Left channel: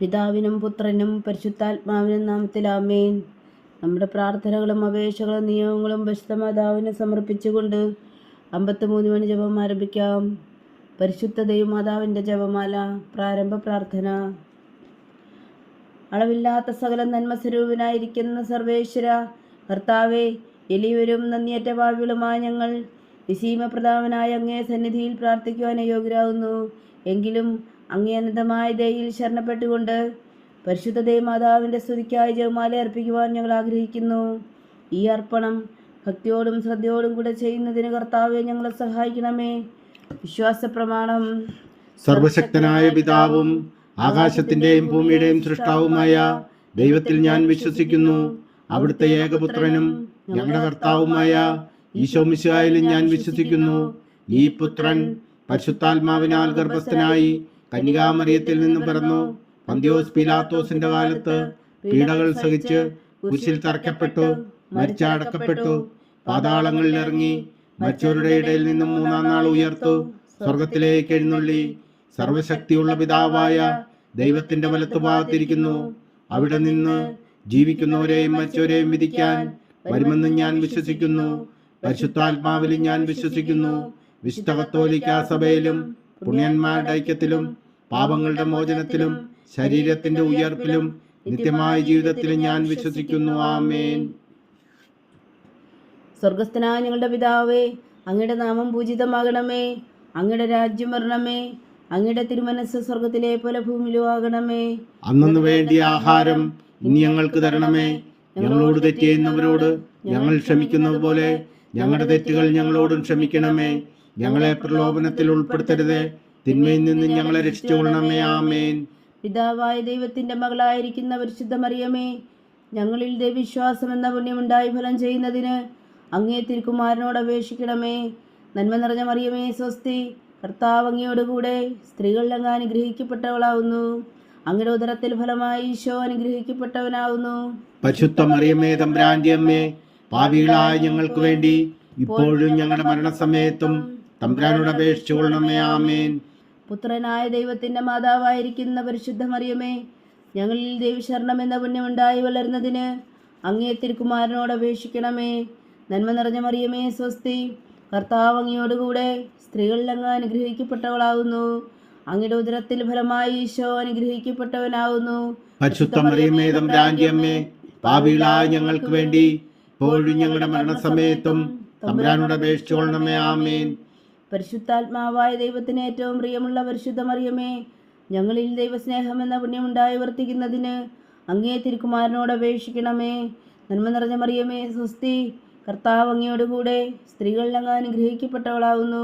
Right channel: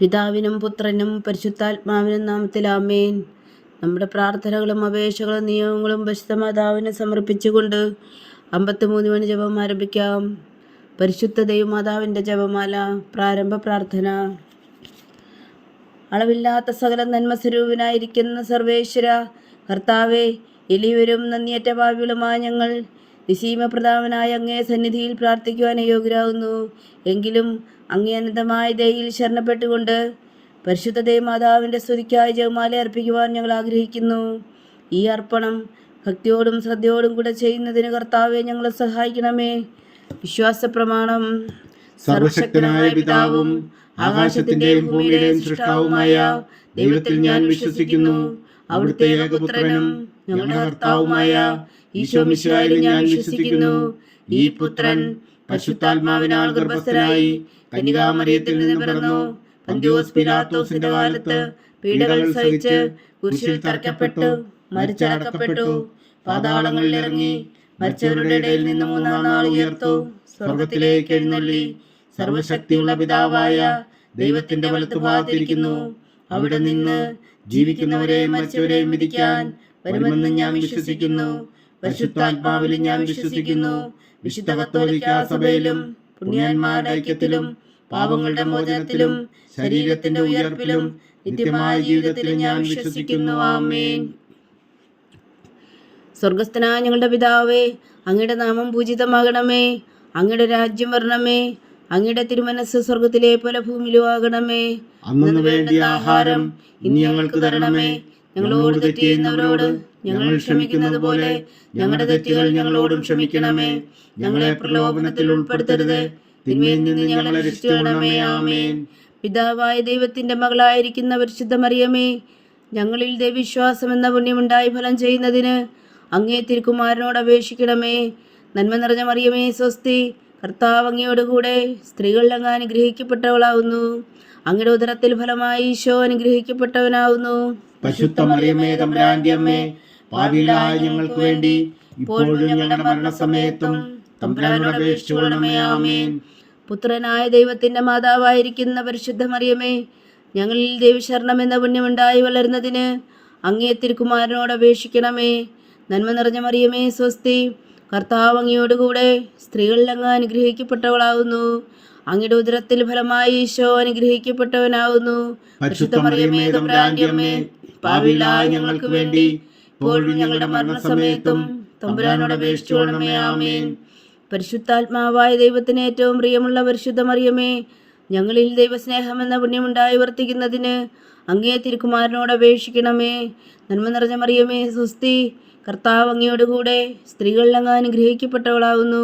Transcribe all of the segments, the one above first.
പിതാവിനും പുത്രനും പരിശുദ്ധാത്മാവിനും നാമത്തിലാമേൻ നമ്മുടെ പ്രാർത്ഥനകളും അപേക്ഷകളും നിയമങ്ങളും പരിശുദ്ധമാതാവിനെ സമർപ്പിച്ചുകൊണ്ട് അമ്പത്തിമൂന്ന് മണി ജപം ആരംഭിക്കാം. പരിശുദ്ധ ദൈവമാതാവിന്റെ ജപമാല പ്രാരംഭ പ്രാർത്ഥന. അളവില്ലാത്ത സകല നന്മസ്വരൂപനായിരിക്കുന്ന സർവേശ്വര കർത്താവെ എലിവരും നന്ദിയേറ്റ ഭാവികളുമായ ഞങ്ങൾ നിശീമപ്രധാനമായ അങ്ങേ സന്നിധിയിൽ പ്രാർത്ഥിക്കുവാൻ യോഗ്യരാകുന്നു. എങ്കിലും അങ്ങേ അനന്തമായ ദയയിൽ ശരണപ്പെട്ടുകൊണ്ട് പരിശുദ്ധ ദേവമാതാവിന്റെ സ്തുതിക്കായി ജപമാല അർപ്പിക്കുവാൻ ഞങ്ങൾ ആഗ്രഹിക്കുന്നു. ഈ അർപ്പണം ഭക്തിയോടും ശ്രദ്ധയോടും കൂടെ ചെയ്യുന്നതിന് കർത്താവെ ഞങ്ങളെ സഹായിക്കണമേ. വിശ്വാസ പ്രമാണം സർവശക്തനായ പിതാവും ആകാശത്തിന്റെയും ഭൂമിയുടെയും സൃഷ്ടാവുമായ ദൈവത്തിൽ ഞാൻ വിശ്വസിക്കുന്നു. അവിടുത്തെ ഏകപുത്രനും ഞങ്ങളുടെ കർത്താവുമായ ഈശോ മിശിഹായിൽ ഞാൻ വിശ്വസിക്കുന്നു. ഈ പുത്രൻ പശുത്താത്മാവിനാൽ ഗർഭസ്ഥനായി കന്യകാമരിയത്തിൽ നിന്ന് പിറന്നു. പന്തിയോസ് പിലാത്തോസിന്റെ കാലത്ത് പീഡകൾ സഹിച്ച് കുശിൽ തറക്കപ്പെട്ടു മരിച്ചടക്കപ്പെട്ടു. പാതാളങ്ങളിൽ ഇറങ്ങി മരിച്ചവരുടെ ഇടയിൽ നിന്ന് മൂന്നാം നാൾ ഉയർത്തു. സ്വർഗത്തിലേക്ക് എഴുന്നള്ളി. സർവശക്തിയുള്ള പിതാവായ ദൈവത്തിന്റെ വലത്തുഭാഗത്തിരിക്കുന്നു. അവിടെ നിന്ന് ജീവിക്കുന്നവരെയും മരിച്ചവരെയും വിധിക്കാൻ വരുമെന്ന് ഞാൻ വിശ്വസിക്കുന്നു. പരിശുദ്ധാത്മാവിലും ഞാൻ വിശ്വസിക്കുന്നു. വിശുദ്ധ കത്തോലിക്ക സഭയിലും പുണ്യന്മാരുടെ ഐക്യത്തിലും പാപങ്ങളുടെ മോചനത്തിലും ശരീരത്തിന്റെ ഉയർപ്പിലും നിത്യമായ ജീവിതത്തിലും ഞാൻ വിശ്വസിക്കുന്നു. ആമേൻ. സ്വർഗസ്ഥനായ ഞങ്ങളുടെ പിതാവേ അങ്ങയുടെ നാമം പൂജിതമാകണമേ അങ്ങയുടെ രാജ്യം വരണമേ അങ്ങയുടെ തിരുമനസ് സ്വർഗത്തിലെ പോലെ ഭൂമിയിലും ആകണമേ. അന്നു വേണ്ടിയ ആഹാരം ഇനി ഞങ്ങൾക്ക് തരണമേ. ഞങ്ങളോട് തെറ്റ് ചെയ്യുന്നവരോട് ഞങ്ങൾ ക്ഷമിക്കുന്നത് പോലെ ഞങ്ങളുടെ തെറ്റുകൾ ഞങ്ങളോടും ക്ഷമിക്കണമേ. ഞങ്ങളെ പ്രലോഭനത്തിൽ ഉൾപ്പെടുത്തരുത്. തിന്മയിൽ നിന്ന് ഞങ്ങളെ രക്ഷിച്ചുകൊള്ളണമേ ആമേൻ. പിതാവായ ദൈവത്തിന്റെ മകളായിരിക്കുന്ന പരിശുദ്ധ മറിയമേ ഞങ്ങളിൽ ദൈവവിശ്വാസം എന്ന പുണ്യമുണ്ടായി ഫലം ചെയ്യുന്നതിന് അങ്ങേ തിരുക്കുമാരനോട് അപേക്ഷിക്കണമേ. നന്മ നിറഞ്ഞ മറിയമേ സ്വസ്തി കർത്താവ് അങ്ങയോടുകൂടെ സ്ത്രീകളിൽ അങ്ങ് അനുഗ്രഹിക്കപ്പെട്ടവളാവുന്നു. അങ്ങയുടെ ഉദരത്തിൽ ഫലമായി ഈശോ അനുഗ്രഹിക്കപ്പെട്ടവനാവുന്നു. പരിശുദ്ധ മറിയമേ അമ്മേ പാപികളായ ഞങ്ങൾക്ക് വേണ്ടി ഇപ്പോഴും ഞങ്ങളുടെ മരണസമയത്തും തമ്പുരാനോട് അപേക്ഷിച്ചുകൊള്ളണമേ ആമേൻ. പുത്രനായ ദൈവത്തിന്റെ മാതാവായിരിക്കുന്ന പരിശുദ്ധ മറിയമേ ഞങ്ങളിൽ ദൈവശരണം എന്ന പുണ്യമുണ്ടായി വളരുന്നതിന് അങ്ങേ തിരുക്കുമാരനോട് അപേക്ഷിക്കണമേ. നന്മ നിറഞ്ഞ മറിയമേ സ്വസ്തി കർത്താവ് അങ്ങയോടുകൂടെ സ്ത്രീകളിൽ അങ്ങ് അനുഗ്രഹിക്കപ്പെട്ടവളാകുന്നു അങ്ങയുടെ ഉദരത്തിൽ ഫലമായി ഈശോ അനുഗ്രഹിക്കപ്പെട്ടവനാകുന്നു പരിശുദ്ധ മറിയമേ തമ്പുരാന്റെ അമ്മേ പാപികളായ ഞങ്ങൾക്ക് വേണ്ടി ഇപ്പോഴും ഞങ്ങളുടെ മരണസമയത്തും തമ്പുരാനോട് അപേക്ഷിച്ചോളണമേ ആമേൻ. പരിശുദ്ധാത്മാവായ ദൈവത്തിന് ഏറ്റവും പ്രിയമുള്ള പരിശുദ്ധ മറിയമേ ഞങ്ങളിൽ ദൈവസ്നേഹം എന്ന പുണ്യമുണ്ടായി വർത്തിക്കുന്നതിന് അങ്ങേ തിരുക്കുമാരനോട് അപേക്ഷിക്കണമേ. നന്മ നിറഞ്ഞ മറിയമേ സുസ്തി കർത്താവ് അങ്ങയോടുകൂടെ സ്ത്രീകളിൽ അങ്ങ് അനുഗ്രഹിക്കപ്പെട്ടവളാകുന്നു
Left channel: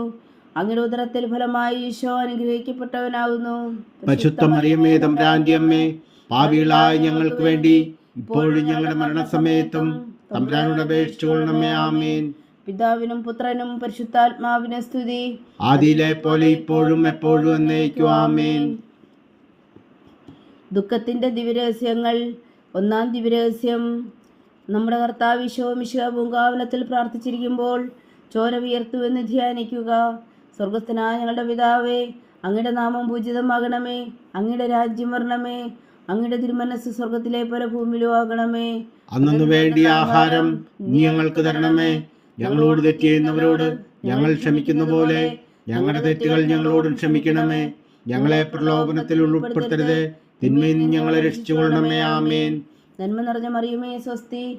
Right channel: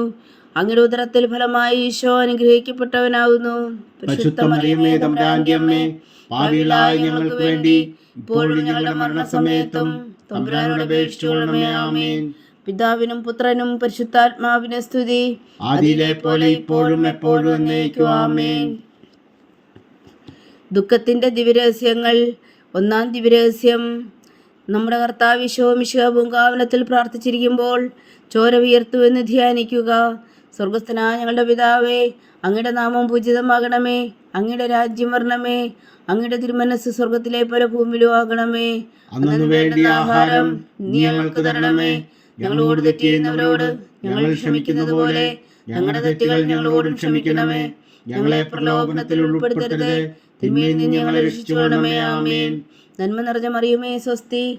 അങ്ങയുടെ ഉദരത്തിൽ ഫലമായി ഈശോ അനുഗ്രഹിക്കപ്പെട്ടവനാകുന്നു പരിശുദ്ധ മറിയമ്മേ തമ്പുരാന്റെ അമ്മേ പാപികളായ ഞങ്ങൾക്ക് വേണ്ടി ഇപ്പോഴും ഞങ്ങളുടെ മരണസമയത്തും തമ്പുരാനോട് അപേക്ഷിച്ചുകൊള്ളണമേ ആമേൻ. പിതാവിനും പുത്രനും പരിശുദ്ധാത്മാവിനെ സ്തുതി. ആദിയിലെ പോലെ ഇപ്പോഴും എപ്പോഴും എന്നേക്കും ആമേൻ. ദുഃഖത്തിന്റെ ദിവ്യരഹസ്യങ്ങൾ ഒന്നാം ദിവ്യരഹസ്യം. നമ്മുടെ കർത്താവ് വിശ്വമിശുക പൂങ്കാവനത്തിൽ പ്രാർത്ഥിച്ചിരിക്കുമ്പോൾ ചോര ഉയർത്തുവെന്ന് ധ്യാനിക്കുക. സ്വർഗസ്ഥനായ ഞങ്ങളുടെ പിതാവേ അങ്ങയുടെ നാമം പൂജിതമാകണമേ. അങ്ങയുടെ രാജ്യം വരണമേ. അങ്ങയുടെ തിരുമനസ് സ്വർഗത്തിലെ പോലെ ഭൂമിയിലും ആകണമേ. അന്നു വേണ്ടിയ ആഹാരം നീ ഞങ്ങൾക്ക് തരണമേ. ഞങ്ങളോട് തെറ്റ് ചെയ്യുന്നവരോട് ഞങ്ങൾ ക്ഷമിക്കുന്ന പോലെ ഞങ്ങളുടെ തെറ്റുകൾ ഞങ്ങളോടും ക്ഷമിക്കണമേ. ഞങ്ങളെ പ്രലോഭനത്തിൽ ഉൾപ്പെടുത്തരുത്. തിന്മയിൽ നിന്ന് ഞങ്ങളെ രക്ഷിച്ചുകൊള്ളണമേ ആമേൻ. നന്മ നിറഞ്ഞ മറിയുമേ സ്വസ്തി.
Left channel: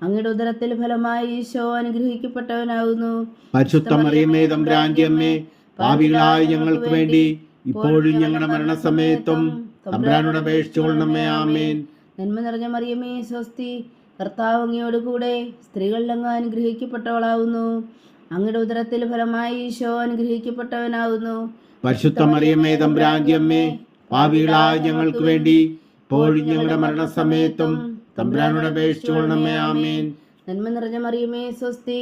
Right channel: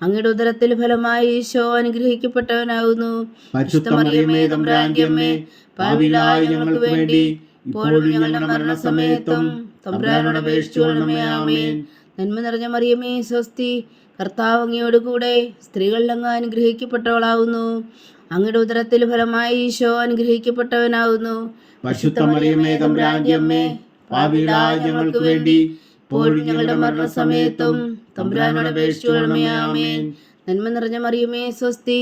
അങ്ങയുടെ ഉദരത്തിൽ ഫലമായി ഈശോ അനുഗ്രഹിക്കപ്പെട്ടവനാകുന്നു ഞങ്ങൾക്ക് വേണ്ടി ഇപ്പോഴും ഞങ്ങളുടെ മരണസമയത്തും തമ്പുരാനോട് അപേക്ഷിച്ചുകൊള്ളണമേ ആമേൻ. നന്മ നിറഞ്ഞ മറിയമേ സ്വസ്തി കർത്താവ് അങ്ങയോടുകൂടെ സ്ത്രീകളിൽ അങ്ങ് അനുഗ്രഹിക്കപ്പെട്ടവളാവുന്നു. അങ്ങയുടെ ഉദരത്തിൽ ഫലമായി ഈശോ അനുഗ്രഹിക്കപ്പെട്ടവനാകുന്നു പരിശുദ്ധ മറിയമ്മേ തമ്പുരാന്റെ അമ്മേ പാപികളായ ഞങ്ങൾക്ക് വേണ്ടി ഇപ്പോഴും ഞങ്ങളുടെ മരണസമയത്തും തമ്പുരാനോട് അപേക്ഷിച്ചുകൊള്ളണമേ ആമേൻ നന്മ നിറഞ്ഞ മറിയുമേ സ്വസ്തി.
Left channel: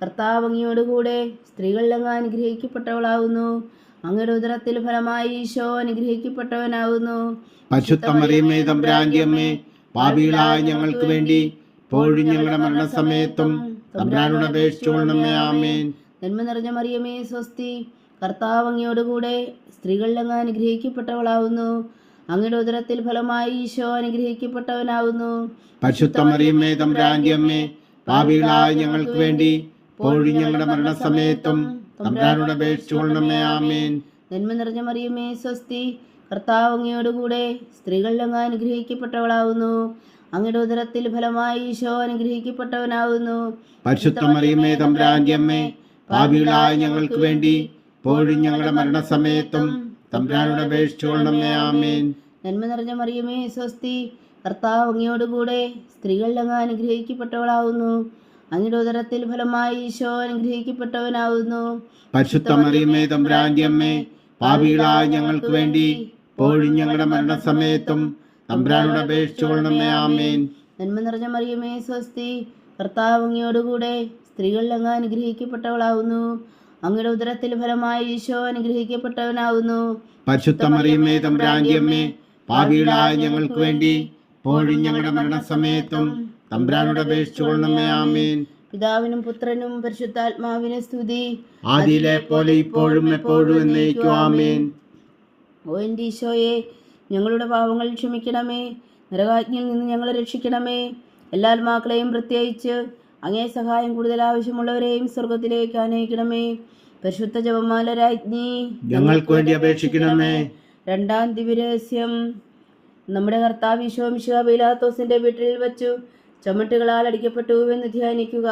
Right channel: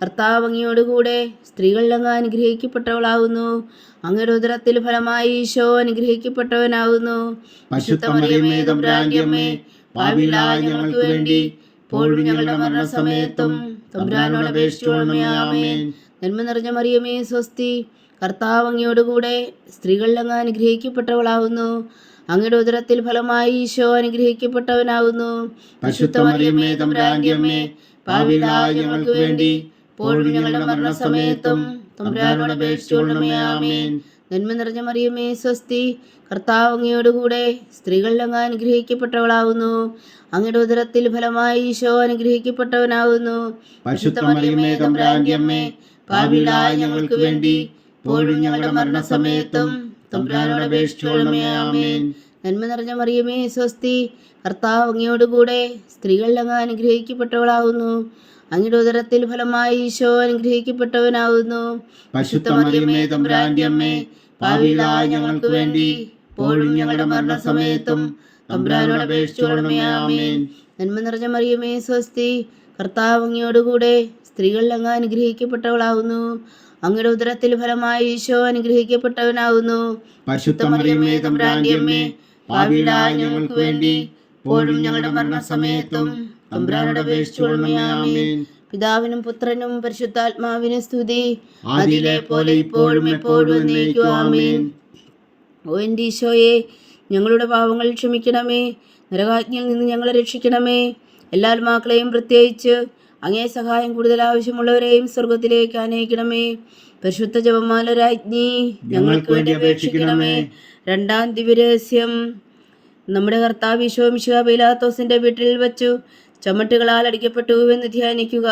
കർത്താവ് അങ്ങയോടുകൂടെ സ്ത്രീകളിൽ അങ്ങ് അനുഗ്രഹിക്കപ്പെട്ടവളാകുന്നു അങ്ങയുടെ ഉദരത്തിൽ ഫലമായി ഈശോ അനുഗ്രഹിക്കപ്പെട്ടവനാകുന്നു പാപികളായ ഞങ്ങൾക്ക് വേണ്ടി ഇപ്പോഴും ഞങ്ങളുടെ മരണസമയത്തും തമ്പുരാനോട് അപേക്ഷിച്ചുകൊള്ളണമേ ആമേൻ നന്മ നിറഞ്ഞ മറിയമേ സ്വസ്തി. കർത്താവ് അങ്ങയോടുകൂടെ സ്ത്രീകളിൽ അങ്ങ് അനുഗ്രഹിക്കപ്പെട്ടവളാകുന്നു അങ്ങയുടെ ഉദരത്തിൽ ഫലമായി ഈശോ അനുഗ്രഹിക്കപ്പെട്ടവനാകുന്നു പരിശുദ്ധ മറിയമേ തമ്പുരാന്റെ അമ്മേ പാപികളായ ഞങ്ങൾക്ക് വേണ്ടി ഇപ്പോഴും ഞങ്ങളുടെ മരണസമയത്തും തമ്പുരാനോട് അപേക്ഷിച്ചുകൊള്ളണമേ ആമേൻ. നന്മ നിറഞ്ഞ മറിയമേ സ്വസ്തി കർത്താവ് അങ്ങയോടുകൂടെ സ്ത്രീകളിൽ അങ്ങ് അനുഗ്രഹിക്കപ്പെട്ടവളാവുന്നു. അങ്ങയുടെ ഉദരത്തിൽ ഫലമായി ഈശോ അനുഗ്രഹിക്കപ്പെട്ടവനാവുന്നു. പരിശുദ്ധ മറിയമേ തമ്പുരാന്റെ അമ്മേ ഞങ്ങൾക്ക് വേണ്ടി പോഴും ഞങ്ങളുടെ മരണസമയത്തും തമ്പുരാനോട് അപേക്ഷിച്ചുകൊള്ളണമേ ആമേൻ. നന്മ നിറഞ്ഞ മറിയമേ സ്വസ്തി. കർത്താവ് അങ്ങയോടുകൂടെ സ്ത്രീകളിൽ അങ്ങ് അനുഗ്രഹിക്കപ്പെട്ടവളാകുന്നു അങ്ങയുടെ ഉദരത്തിൽ ഫലമായി ഈശോ അനുഗ്രഹിക്കപ്പെട്ടവനാകുന്നു പരിശുദ്ധ മറിയമേ തമ്പുരാന്റെ അമ്മേ പാപികളായ ഞങ്ങൾക്ക് വേണ്ടി പോഴും ഞങ്ങളുടെ മരണസമയത്തും തമ്പുരാനോട് അപേക്ഷിച്ചുകൊള്ളണമേ ആമേൻ. നന്മ നിറഞ്ഞ മറിയമേ സ്വസ്തി. കർത്താവ് അങ്ങയോടുകൂടെ സ്ത്രീകളിൽ അങ്ങ് അനുഗ്രഹിക്കപ്പെട്ടവളാകുന്നു അങ്ങയുടെ ഉദരത്തിൽ ഫലമായി ഈശോ അനുഗ്രഹിക്കപ്പെട്ടവനാവുന്നു. പരിശുദ്ധ മറിയമേ തമ്പുരാന്റെ അമ്മേ പാപികളായ ഞങ്ങൾക്ക് വേണ്ടി ഇപ്പോഴും ഞങ്ങളുടെ മരണസമയത്തും തമ്പുരാനോട് അപേക്ഷിച്ചുകൊള്ളണമേ ആമേൻ. പിതാവിനും പുത്രനും പരിശുദ്ധാത്മാവിനും സ്തുതി. ആദിയിലെ പോലെ ഇപ്പോഴും എപ്പോഴും എന്നേക്കും ആമേൻ. ഓ എന്റെ ഈശോയെ ഞങ്ങളുടെ പാവങ്ങൾ ക്ഷമിക്കണമേ. നരകാജ്ഞയിൽ നിന്ന് ഞങ്ങളെ രക്ഷിക്കണമേ. എല്ലാ ആത്മാക്കളെയും പ്രത്യേകിച്ച് അങ്ങേ സഹായം കൂടുതൽ ആവശ്യമുള്ളവരെയും സ്വർഗത്തിലേക്ക് അനയിക്കണമേ പരിശുദ്ധ ജപമാല രാജ്ഞി ഞങ്ങൾക്ക് വേണ്ടി അപേക്ഷിക്കണമേ. രണ്ടാം ദിവ്യരഹസ്യം. നമ്മുടെ കർത്താവ് ഈശോ മിശിഹ ബൈലാത്തോസിന്റെ വീട്ടിൽ വച്ചു. ചമ്മട്ടുകളാൽ അടിക്കപ്പെട്ടു എന്ന് ധ്യാനിക്കുക.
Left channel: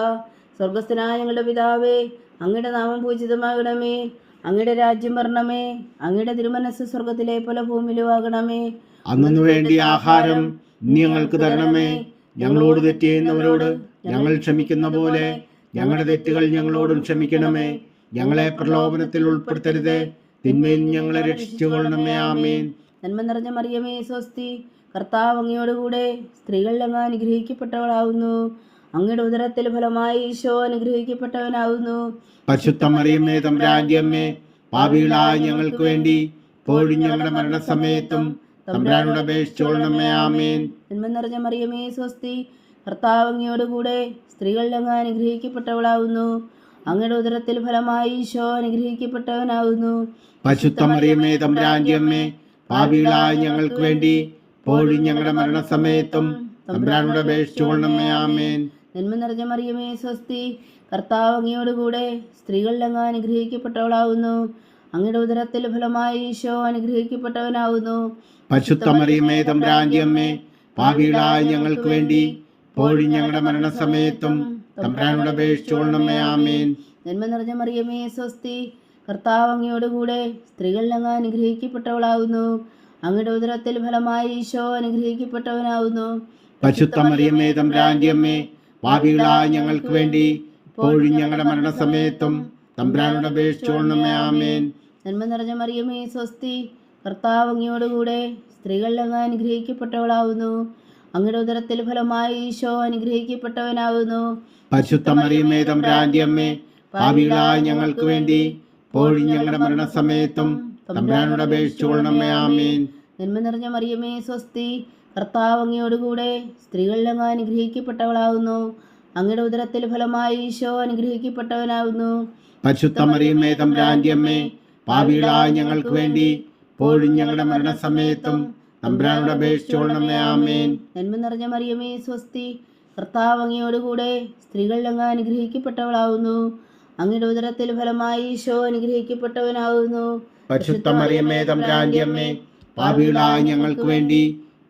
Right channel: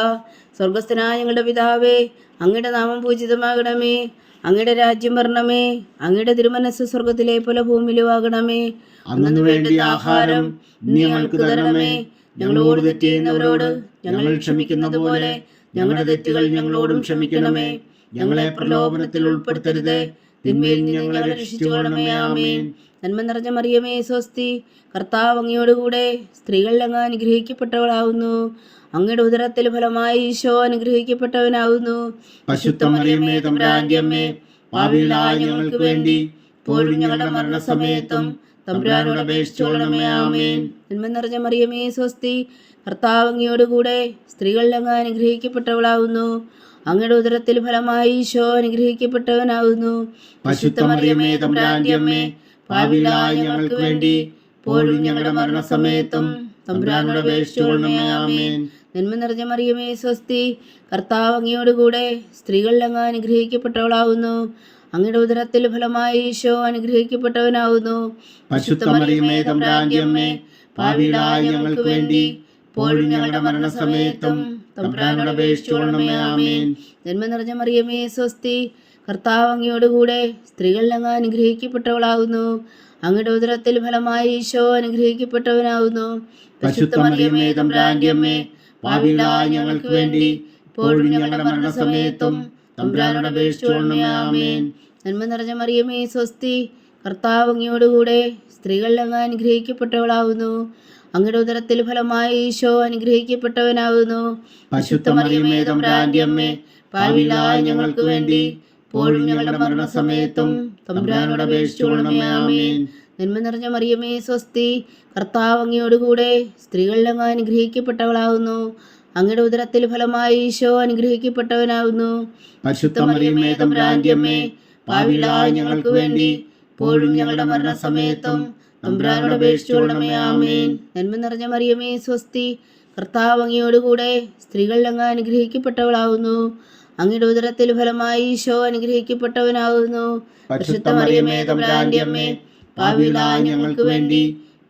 സ്വർഗസ്ഥനായ ഞങ്ങളുടെ പിതാവേ അങ്ങയുടെ നാമം പൂജിതമാകണമേ. അങ്ങയുടെ രാജ്യം വരണമേ. അങ്ങയുടെ തിരുമനസ് സ്വർഗത്തിലെ പോലെ ഭൂമിയിലും ആകണമേ അന്നു വേണ്ടി ആഹാരം ഞങ്ങൾക്ക് തരണമേ. ഞങ്ങളോട് തെറ്റ് ചെയ്യുന്നവരോട് ഞങ്ങൾ ക്ഷമിക്കുന്ന പോലെ ഞങ്ങളുടെ തെറ്റുകൾ ഞങ്ങളോടും ക്ഷമിക്കണമേ. ഞങ്ങളെ പ്രലോഭനത്തിൽ ഉൾപ്പെടുത്തരുതേ. തിന്മയിൽ ഞങ്ങളെ രക്ഷിച്ചുകൊള്ളണമേ. ആമേൻ. നന്മ നിറഞ്ഞ മറിയമേ സ്വസ്തി. കർത്താവ് അങ്ങയോടുകൂടെ സ്ത്രീകളിൽ അങ്ങ് അനുഗ്രഹിക്കപ്പെട്ടവളാവുന്നു. അങ്ങയുടെ ഉദരത്തിൽ ഫലമായി ഈശോ അനുഗ്രഹിക്കപ്പെട്ടവനാവുന്നു. പശുത്തമറിയമ്മേ മറിയമ്മേ ഭാവിയിലായ ഞങ്ങൾക്ക് വേണ്ടി ഇപ്പോഴും ഞങ്ങളുടെ മരണസമയത്തും തമ്പുരാനോട് അപേക്ഷിച്ചുകൊള്ളണമേ ആമേൻ. നന്മ നിറഞ്ഞ മറിയമേ സ്വസ്തി. കർത്താവ് അങ്ങയോടുകൂടെ സ്ത്രീകളിൽ അങ്ങ് അനുഗ്രഹിക്കപ്പെട്ടവളാവുന്നു. അങ്ങയുടെ ഉദരത്തിൽ ഫലമായി ഈശോ അനുഗ്രഹിക്കപ്പെട്ടവനാവുന്നു. പരിശുദ്ധ മറിയമ്മേ തമ്പുരാന്റെ പാപികളായ ഞങ്ങൾക്ക് വേണ്ടി പോഴും ഞങ്ങളുടെ മരണസമയത്തും തമ്പുരാനോട് അപേക്ഷിച്ചുകൊള്ളണമേ ആമേൻ. നന്മ നിറഞ്ഞ മറിയമേ സ്വസ്തി. കർത്താവ് അങ്ങയോടുകൂടെ സ്ത്രീകളിൽ അങ്ങ് അനുഗ്രഹിക്കപ്പെട്ടവളാവുന്നു. അങ്ങയുടെ ഉദരത്തിൽ ഫലമായി ഈശോ അനുഗ്രഹിക്കപ്പെട്ടവനാവുന്നു. പാപികളായ ഞങ്ങൾക്ക് വേണ്ടി ഇപ്പോഴും ഞങ്ങളുടെ മരണസമയത്തും തമ്പുരാനോട് അപേക്ഷിച്ചുകൊള്ളണമേ ആമേൻ. ജന്മ നിറഞ്ഞ മറിയമേ സ്വസ്തി കർത്താവ് അങ്ങയോടുകൂടെ സ്ത്രീകളിൽ അങ്ങ് അനുഗ്രഹിക്കപ്പെട്ടവളാവുന്നു. അങ്ങയുടെ ഉദരത്തിൽ ഫലമായി ഈശോ അനുഗ്രഹിക്കപ്പെട്ടവനാവുന്നു. പരിശുദ്ധ മറിയമ്മേ തമ്പുരാന്റെ പാപികളായ ഞങ്ങൾക്ക് വേണ്ടി ഇപ്പോഴും ഞങ്ങളുടെ മരണസമയത്തും. തമ്പുരാനോട് അപേക്ഷിച്ചുകൊള്ളണമേ ആമേൻ. നന്മ നിറഞ്ഞ മറിയമേ സ്വസ്തി. കർത്താവ് അങ്ങയോടുകൂടെ സ്ത്രീകളിൽ അങ്ങ് അനുഗ്രഹിക്കപ്പെട്ടവളാവുന്നു. അങ്ങയുടെ ഉദരത്തിൽ ഫലമായി ഈശോ അനുഗ്രഹിക്കപ്പെട്ടവനാവുന്നു. പരിശുദ്ധ മറിയമ്മേ തമ്പുരാന്റെ അമ്മേ പാപികളായ ഞങ്ങൾക്ക് വേണ്ടി ഇപ്പോഴും ഞങ്ങളുടെ മരണസമയത്തും തമ്പുരാനോട് അപേക്ഷിച്ചോളണമേ ആമേൻ. നന്മ നിറഞ്ഞ മറിയമേ സ്വസ്തി. കർത്താവ് അങ്ങയോടുകൂടെ സ്ത്രീകളിൽ അങ്ങ് അനുഗ്രഹിക്കപ്പെട്ടവളാവുന്നു. അങ്ങയുടെ ഉദരത്തിൽ ഫലമായി ഈശോ അനുഗ്രഹിക്കപ്പെട്ടവനാകുന്നു പരിശുദ്ധ മറിയമ്മേ തമ്പുരാന്റെ അമ്മേ പാപികളായ ഞങ്ങൾക്ക് വേണ്ടി പോഴും ഞങ്ങളുടെ മരണസമയത്തും തമ്പുരാനോട് അപേക്ഷിച്ചുകൊള്ളണമേ ആമേൻ. നന്മ നിറഞ്ഞ മറിയമേ സ്വസ്തി കർത്താവ് അങ്ങയോടുകൂടെ സ്ത്രീകൾ അങ്ങ് അനുഗ്രഹിക്കപ്പെട്ടവളാവുന്നു. അങ്ങയുടെ ഉദരത്തിൽ ഫലമായി ഈശോ അനുഗ്രഹിക്കപ്പെട്ടവനാകുന്നു പരിശുദ്ധ മറിയമ്മേ തമ്പുരാന്റെ അമ്മേ പാപികളായ ഞങ്ങൾക്ക് വേണ്ടി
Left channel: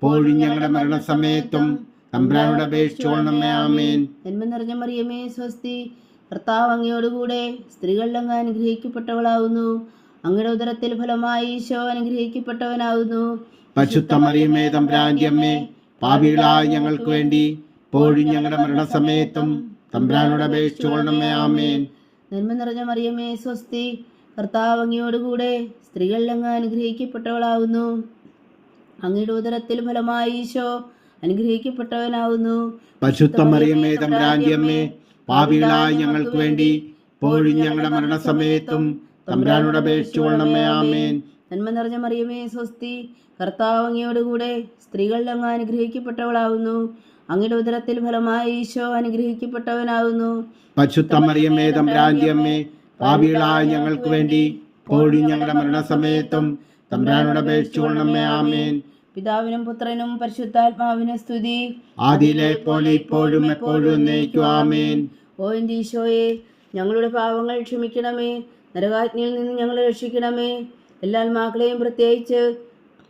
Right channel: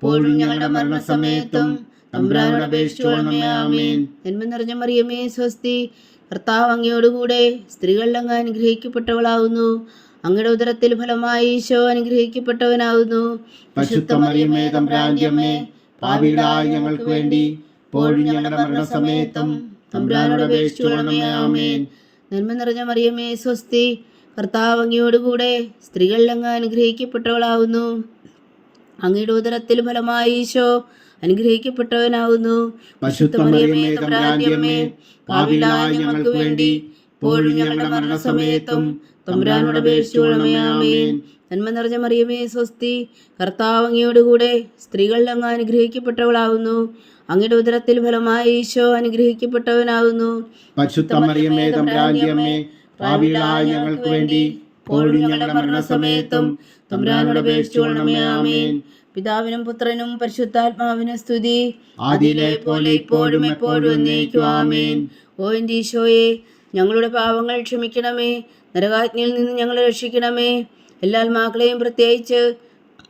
പോഴും ഞങ്ങളുടെ മരണസമയത്തും തമ്പുരാനോട് അപേക്ഷിച്ചോളണമേ ആമേൻ. നന്മ നിറഞ്ഞ മറിയമേ സ്വസ്തി. കർത്താവ് അങ്ങയോടുകൂടെ സ്ത്രീകളിൽ അങ്ങ് അനുഗ്രഹിക്കപ്പെട്ടവളാകുന്നു അങ്ങയുടെ ഉദരത്തിൽ ഫലമായി ഈശോ അനുഗ്രഹിക്കപ്പെട്ടവനാകുന്നു പരിശുദ്ധ പാപികളായ ഞങ്ങൾക്ക് വേണ്ടി ഇപ്പോഴും ഞങ്ങളുടെ മരണസമയത്തും തമ്പുരാനോട് അപേക്ഷിച്ചോളണമേ ആമേൻ. നന്മ നിറഞ്ഞ മറിയമേ സ്വസ്തി. കർത്താവ് അങ്ങയോടുകൂടെ സ്ത്രീകളിൽ അങ്ങ് അനുഗ്രഹിക്കപ്പെട്ടവളാകുന്നു അങ്ങയുടെ ഉദരത്തിൽ ഫലമായി ഈശോ അനുഗ്രഹിക്കപ്പെട്ടവനാകുന്നു പാപികളായ ഞങ്ങൾക്ക് വേണ്ടി ഇപ്പോഴും ഞങ്ങളുടെ മരണസമയത്തും തമ്പുരാനോട് അപേക്ഷിച്ചോളണമേ ആമേൻ. നന്മ നിറഞ്ഞ മറിയമേ സ്വസ്തി കർത്താവ് അങ്ങയോടുകൂടെ സ്ത്രീകളിൽ അങ്ങ് അനുഗ്രഹിക്കപ്പെട്ടവളാകുന്നു അങ്ങയുടെ ഉദരത്തിൽ ഫലമായി ഈശോ അനുഗ്രഹിക്കപ്പെട്ടവനാകുന്നു പാപികളായ ഞങ്ങൾക്ക് വേണ്ടി ഇപ്പോഴും ഞങ്ങളുടെ മരണസമയത്തും തമ്പുരാനോട് അപേക്ഷിച്ചോളണമേ ആമേൻ. പിതാവിനും പുത്രനും പരിശുദ്ധാത്മാവിനും സ്തുതി. ആദിയിലെ പോലെ ഇപ്പോഴും എപ്പോഴും ആമേൻ. ഓ ഈശോയെ ഞങ്ങളുടെ പാവങ്ങൾ ക്ഷമിക്കണമേ. നരകാജ്ഞയിൽ നിന്ന് ഞങ്ങളെ രക്ഷിക്കണമേ. എല്ലാ ആത്മാക്കളെയും പ്രത്യേകിച്ച്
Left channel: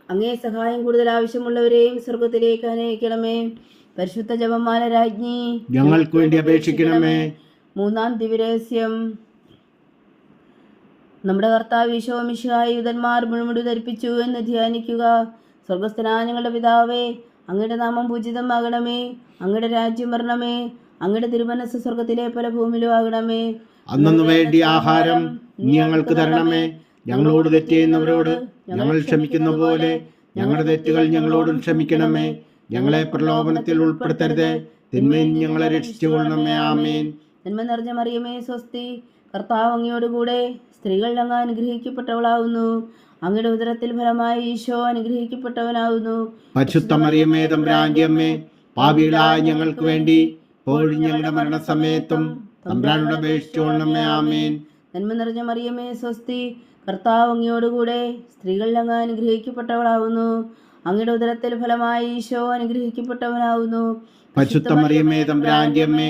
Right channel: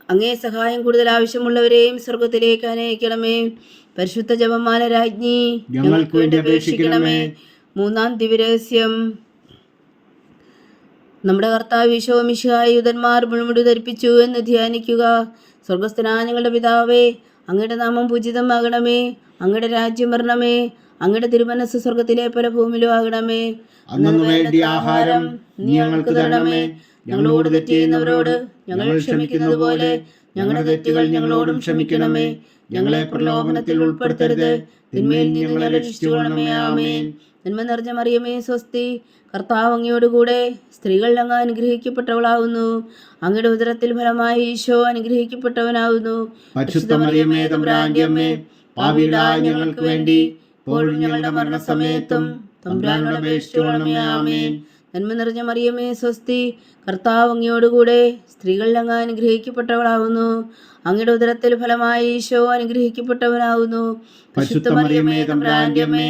അങ്ങേ സഹായം കൂടുതൽ ആവശ്യമുള്ളവരെയും സ്വർഗത്തിലേക്ക് അനയിക്കണമേ. പരിശുദ്ധ ജപമാല രാജ്ഞി ഞങ്ങൾക്ക് വേണ്ടി അപേക്ഷിക്കണമേ. മൂന്നാം ദിവരഹസ്യം നമ്മുടെ കർത്താവ് ഈശോ യുധന്മാർ മുഴുമുടി ധരിപ്പിച്ചു എന്ന് ധ്യാനിക്കുക. സ്വർഗസ്ഥനായ ഞങ്ങളുടെ പിതാവേ അങ്ങയുടെ നാമം പൂജിതമാകണമേ അങ്ങയുടെ രാജ്യം വരണമേ അങ്ങയുടെ തിരുമനസ് സ്വർഗത്തിലെ പല ഭൂമിയിലും ആകണമേ അന്നു വേണ്ടി ആഹാരം ഞങ്ങൾക്ക് തരണമേ. ഞങ്ങളോട് തെറ്റ് ചെയ്യുന്നവരോട് ഞങ്ങൾ ക്ഷമിക്കുന്ന പോലെ ഞങ്ങളുടെ തെറ്റുകൾ ഞങ്ങളോടും ക്ഷമിക്കണമേ. ഞങ്ങളെ പ്രലോഭനത്തിൽ ഉൾപ്പെടുത്തരുത്. തിന്മയിൽ ഞങ്ങളെ രക്ഷിച്ചുകൊള്ളണമേ. ആമേൻ. നന്മ നിറഞ്ഞ മറിയമേ സ്വസ്തി. കർത്താവ് അങ്ങയോടുകൂടെ സ്ത്രീകൾ അങ്ങ് അനുഗ്രഹിക്കപ്പെട്ടവളാകുന്നു. അങ്ങയുടെ ഉദരത്തിൽ ഫലമായി ഈശോ അനുഗ്രഹിക്കപ്പെട്ടവനാകുന്നു. പരിശുദ്ധ മറിയമ്മേ തമ്പുരാന്റെ അമ്മേ പാപികളായ ഞങ്ങൾക്ക് വേണ്ടി ഇപ്പോഴും ഞങ്ങളുടെ മരണസമയത്തും തമ്പുരാനോട് അപേക്ഷിച്ചുകൊള്ളണമേ ആമേൻ. നന്മ നിറഞ്ഞ മറിയമേ സ്വസ്തി. കർത്താവ് അങ്ങയോടുകൂടെ സ്ത്രീകൾ അങ്ങ് അനുഗ്രഹിക്കപ്പെട്ടവളാകുന്നു. അങ്ങയുടെ ഉദരത്തിൽ ഫലമായി ഈശോ പരിശുദ്ധ മറിയമ്മേ അമ്മേ